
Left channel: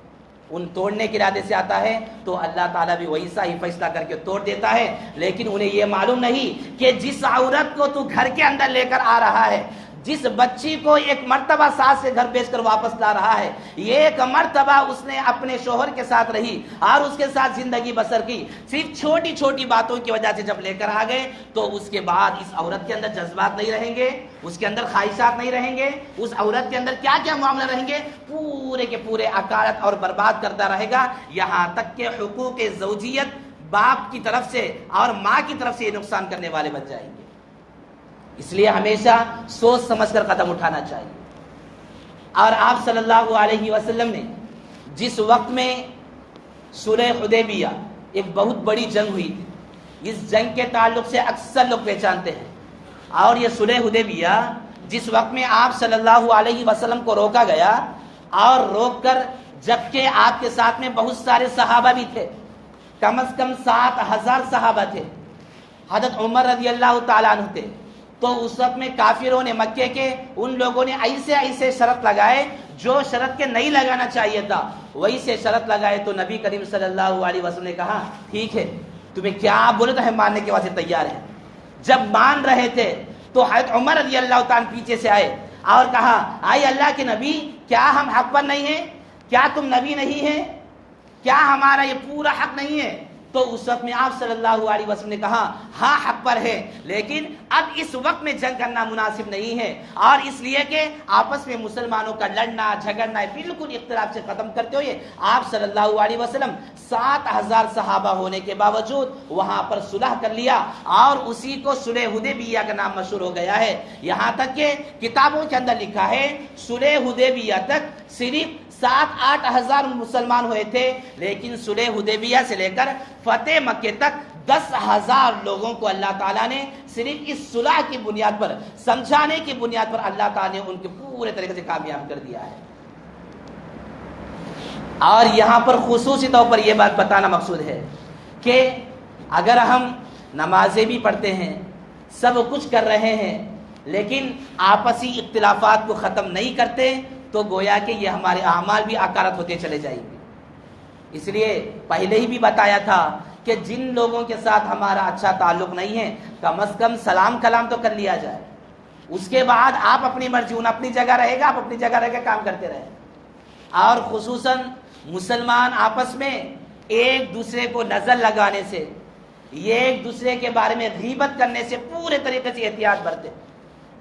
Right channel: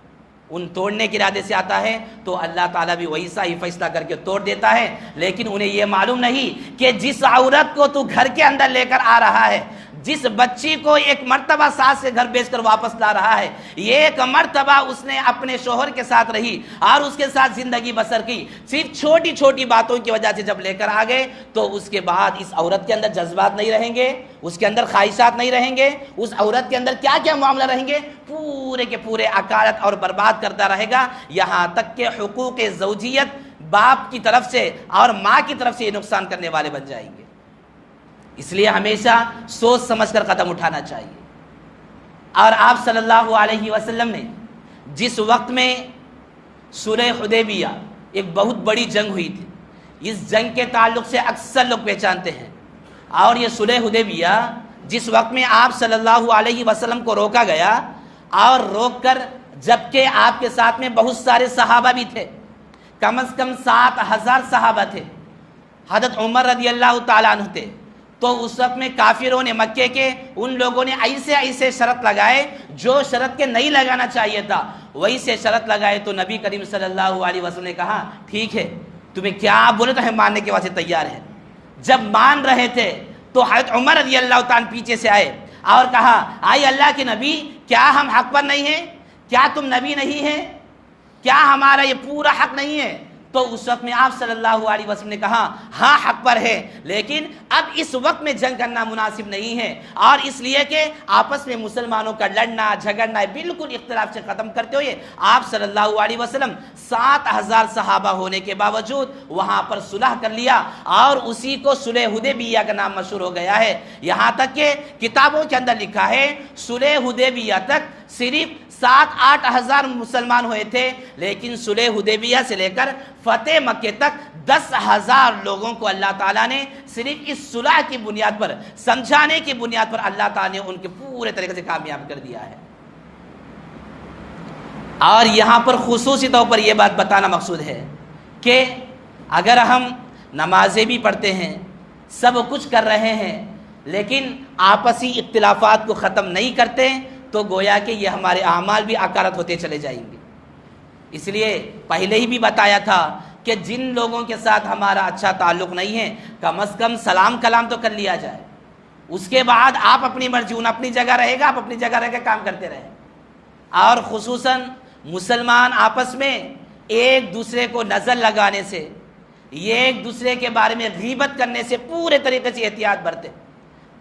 ان توڑنے کے ارادے سے آتا ہے تو اللہ تعالیٰ بھی ویسا ہی فیصلہ کر کے توڑ دیتا ہے۔ لیکن انہیں یہ معلوم نہیں کہ جس عورت کو تو گھر کے اندر لے کر آ رہا ہے، جس بچی کو ایک مرتبہ ساس سے گھر بیچ کر واپس لا رہا ہے، یہ ایک مرتبہ اس نے اپنے شوہر کے ساتھ رہی اور اس کے ساتھ زندگی بسر کی، صرف چھوٹی چھوٹی باتوں کی وجہ سے جب لے کر آ گئے تو اس کے بعد اس عورت کے اندر جذبات نہیں رہیں گے، اس کے اندر خواہشات نہیں رہیں گے، اس عورت کے اندر کیا کیا معاملہ رہیں گے، پورے کے پورے اکارت اور برباد کرتا رہے گا، یہاں تک کہ حقوق زوجیت باپ کی طرف سے اور ماں کی طرف سے یہ نقصان کرنے والے بن جائیں گے. اس لیے ہمیشہ سوچ سمجھ کر قدم اٹھانا چاہیے. اور آپ صلی اللہ علیہ وسلم نے جس وقت میں صلح حدیبیہ ایک بہت بڑی جنگ ہوئی تھی، اس جنگ کے تعلق سے اکثر لوگ پہچانتے ہیں. اور یہ صلح حدیبیہ جس وقت میں آپ صلی اللہ علیہ وسلم کو روکا گیا، اور روک کر جبکہ آپ کے ساتھ میں بہت سارے صحابہ بھی تھے، کم از کم 7,000 صحابہ تھے، حضرت عمر رضی اللہ تعالیٰ عنہ تھے. تو اس وقت میں کافروں نے، مکے کے ان لوگوں نے ایسے شرط لگائے جو شرط کے نہیں لگانا چاہیے تھا، وہی سے شرط لگائے. تو نبی کریم صلی اللہ علیہ وسلم نے کہا ٹھیک ہے، تمہیں کیا بولے تو ہم ماننے کے واسطے تیار ہیں. جب مان رہے تھے تو حضرت عمر رضی اللہ تعالیٰ پیچھے سے آئے اور کہا آئے اللہ کے نبی، کیا ہم حق پر نہیں ہیں؟ کیا تم نبی نہیں ہیں؟ کیا ہمارا یہ پورا حق نہیں ہے؟ تو اس وقت میں آپ صلی اللہ علیہ وسلم نے کہا ہاں حق پر ہے، لیکن اب اس وقت میں جنگ کرنا مناسب نہیں ہے. اور اس لیے کہ آپس میں مسلمانوں کا لڑنا جھگڑنا بالکل اختلاف سے ختم کرتے ہوئے آپ صلی اللہ علیہ وسلم 7,000 صحابہ ہونے کے باوجود وہاں پر صلح کر لیا، اور اسی کو صلح حدیبیہ کا نام مشہور ہو گیا ہے. یہاں تک کہ کتابوں کے اندر لکھا ہے صلح حدیبیہ تک صرف 7-8 ہزار مسلمان ہوئے تھے، لیکن صلح حدیبیہ سے لے کر فتح مکے تک 10,000 لوگوں کو اللہ تعالیٰ نے صرف اس صلح کی بنیاد پر، سمجھانے کی بنیاد پر اللہ تعالیٰ نے ان کے پورے طریقے سے کامیاب کر دیا ہے. اور یہاں پر خصوصی طور پر یہ بات بتانا مقصود ہے کہ اگر ہم نمازیں بھی پڑھتے ہیں، سب کچھ کر رہے ہیں، لیکن آپسی اختلافات کو ختم نہیں کرتے، تو گویا کہ یہ ہمارے اعمال بھی اکارت ہوتے چلے جائیں گے. اس لیے پہلے ہی بھی بتایا تھا کہ جن لوگوں کے ساتھ ہمارا اچھا تعلق نہیں ہے، کم از کم سلام کلام تو کر لیا جائے. اس کے بعد آپ اپنی مرضی، اپنی جگہ رہے گا، آپ اپنی جگہ رہ کے کام کرتے رہیں. اور خصوصاً مسلمان آپس میں ایک دوسرے کو نظر لگانے سے، یہ ایک دوسرے کے بارے میں غیبت کرنے سے پورے طریقے سے احتیاط برتے.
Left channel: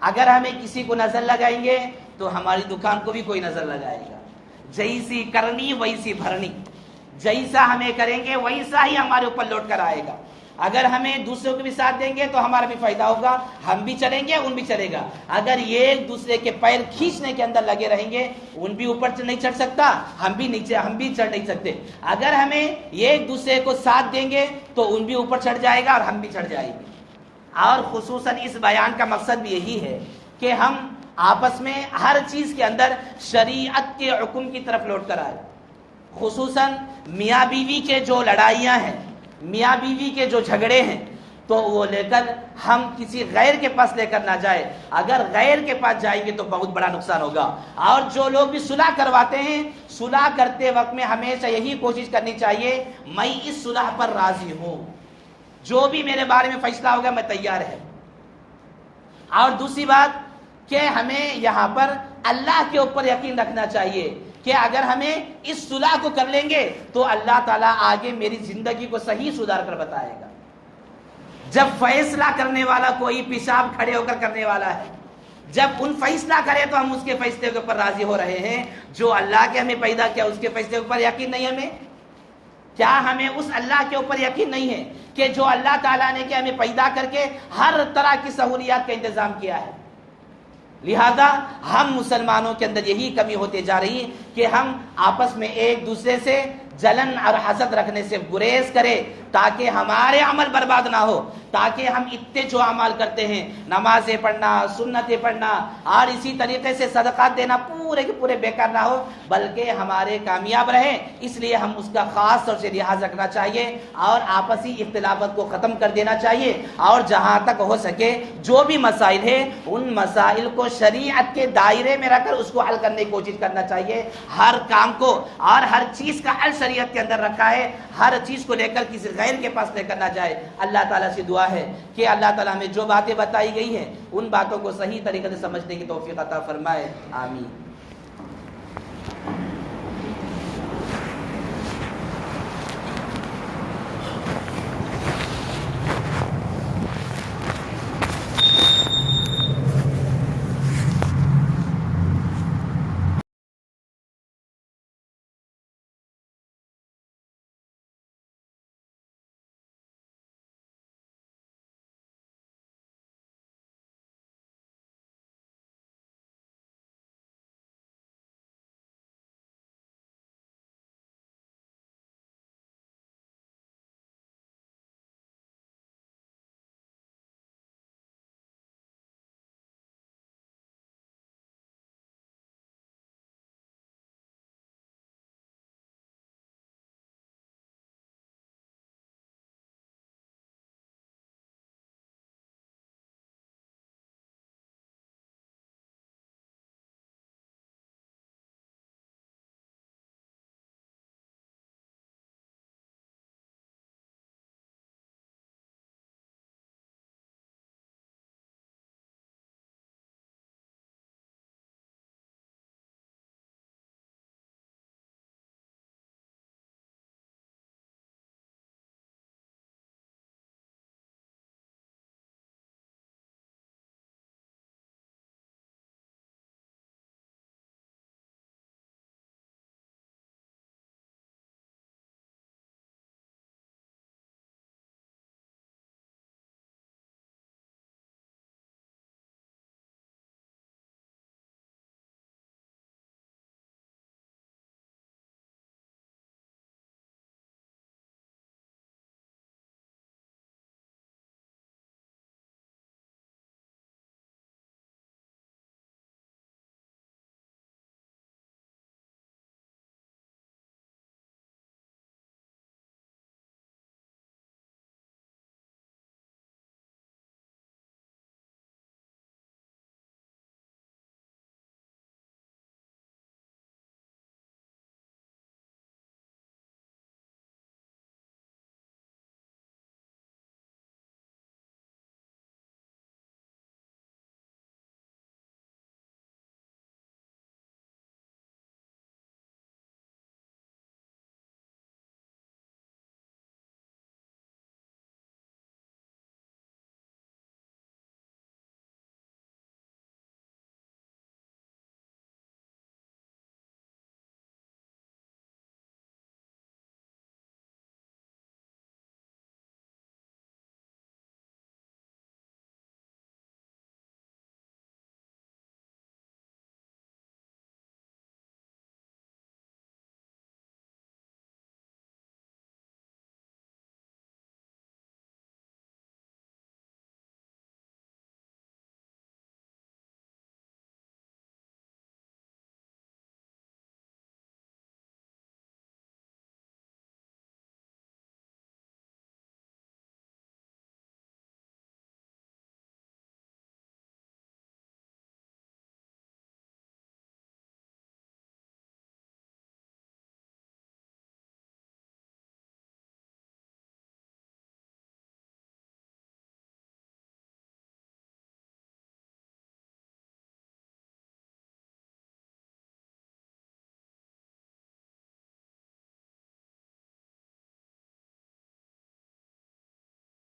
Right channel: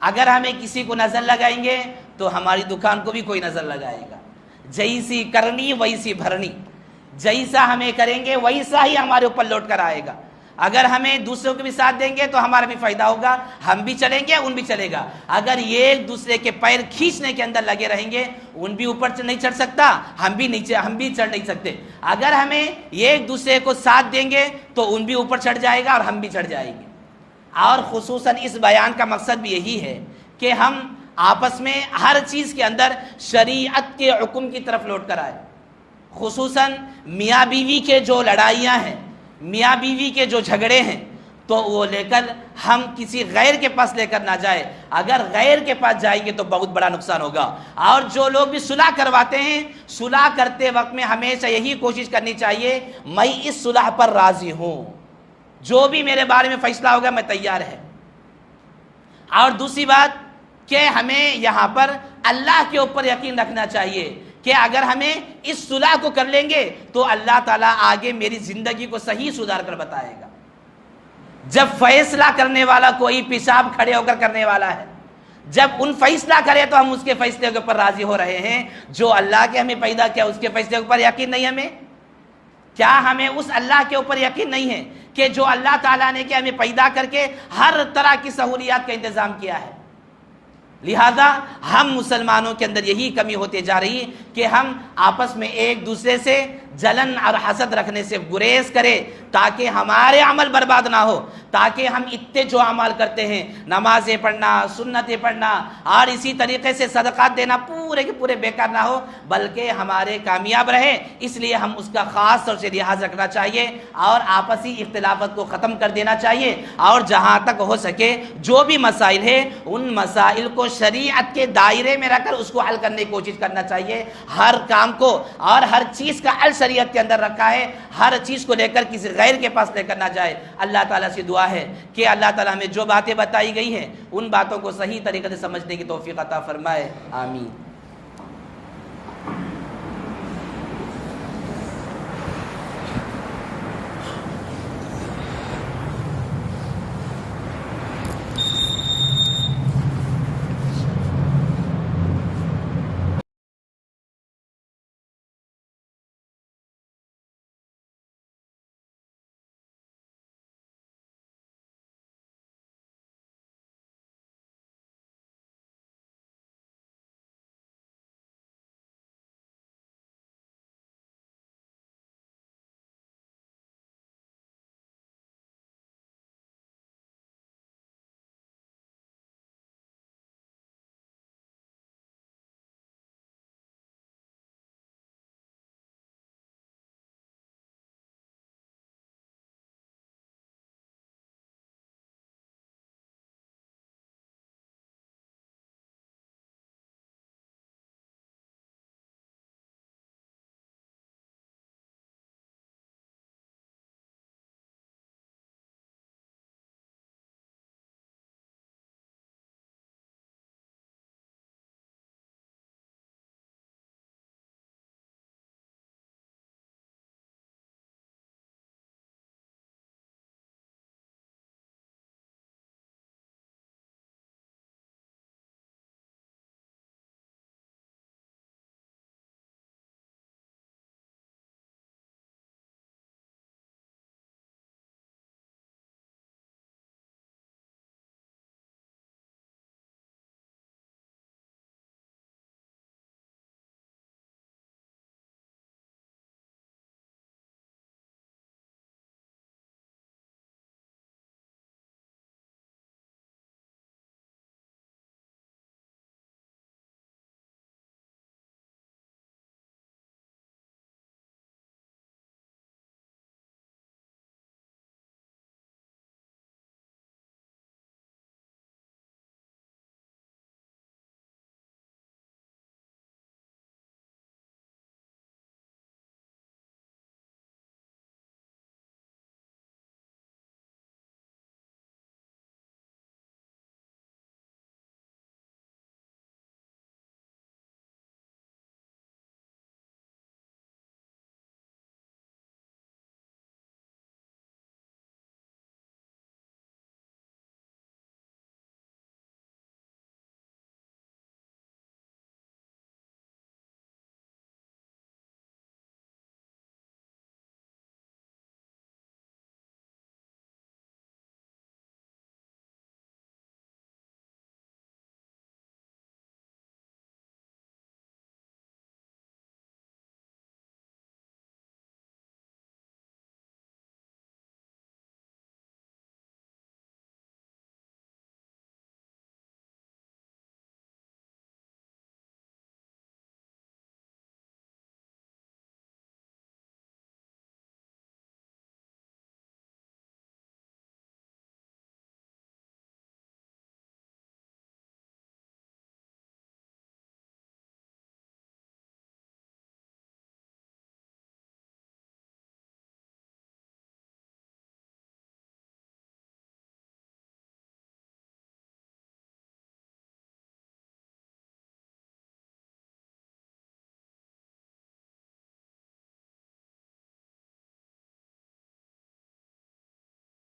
اگر ہمیں کسی کو نظر لگائیں گے تو ہماری دکان کو بھی کوئی نظر لگائے گا. جیسی کرنی ویسی بھرنی، جیسا ہمیں کریں گے ویسا ہی ہمارے اوپر لوٹ کر آئے گا. اگر ہمیں دوسروں کو بھی ساتھ دیں گے تو ہمارا بھی فائدہ ہوگا، ہم بھی چلیں گے ان بھی چلے گا. اگر یہ ایک دوسرے کے پیر کھینچنے کے اندر لگے رہیں گے، ان بھی اوپر نہیں چڑھ سکتا، ہم بھی چڑھ نہیں سکتے. اگر ہمیں یہ ایک دوسرے کو ساتھ دیں گے تو ان بھی اوپر چڑھ جائے گا اور ہم بھی چڑھ جائیں گے. اور خصوصاً اس بیان کا مقصد بھی یہی ہے کہ ہم آپس میں ہر چیز کے اندر شریعت کے حکم کی طرف لوٹ کر آئے. خصوصاً میاں بیوی کے جو لڑائیاں ہیں، میاں بیوی کے جو جھگڑے ہیں، تو وہ لے کر ہم کسی غیر کے پاس لے کر نہ جائے. اگر غیر کے پاس جائیں گے تو بہت بڑا نقصان ہوگا. اور جو لوگ بھی صلح کرواتے ہیں، صلح کرتے وقت میں ہمیشہ یہی کوشش کرنی چاہیے میں اس صلح پر راضی ہوں، جو بھی میرے بارے میں فیصلہ ہوگا میں تیار ہے. اور دوسری بات کہ ہمیں یہاں پر اللہ کے اوپر یقین رکھنا چاہیے کہ اگر ہمیں اس صلح کو کر لیں گے تو اللہ تعالیٰ آگے میری زندگی کو صحیح سدھار کر بتائے گا. جب فیصلہ کرنے والا کوئی پیشاب کھڑے ہو کر کرنے والا ہے، جب ان فیصلہ کرے تو ہم اس کے فیصلے کے اوپر راضی ہو رہے ہیں. جو اللہ کے ہمیں پیدا کیا اس کے فیصلے کے اوپر یقین نہیں ہمیں؟ کیا ہمیں اس اللہ کے اوپر یقین نہیں ہے کہ جو اللہ تعالیٰ نے کہ ہمیں پیدا کر کے ہر طرح کی سہولیات کا انتظام کیا ہے؟ لہذا ہم مسلمانوں کے اندر یہی کمی ہوتے جا رہی ہے کہ ہم آپس میں ایک دوسرے سے جلن اور حسد رکھنے سے گریز کرے تاکہ ہمارے عمل برباد نہ ہو، تاکہ ہم اتنے جو عمل کرتے ہیں، نمازیں پڑھنا، سنتیں پڑھنا اور اسی طریقے سے صدقات دینا پورے کے پورے بیکار نہ ہو، بلکہ ہمارے کامیاب رہے. اس لیے ہم اس کا خاص طور سے لحاظ رکھنا چاہیے اور آپسی اختلافات کو ختم کر دینا چاہیے. اور جہاں تک ہو سکے جو بھی مسائل ہے ان مسائل کو شریعت کے دائرے میں رکھ کر اس کو حل کرنے کی کوشش کرنا چاہیے. ہر کام کو اور ہر چیز کا حل شریعت کے اندر رکھا ہے، ہر چیز کو لے کر کسی غیر کے پاس لے کر نہ جائے. اللہ تعالیٰ سے دعا ہے کہ اللہ تعالیٰ ہمیں جو باتیں بتائی گئی ہیں ان باتوں کو صحیح طریقے سے سمجھنے کی توفیق عطا فرمائے. آمین.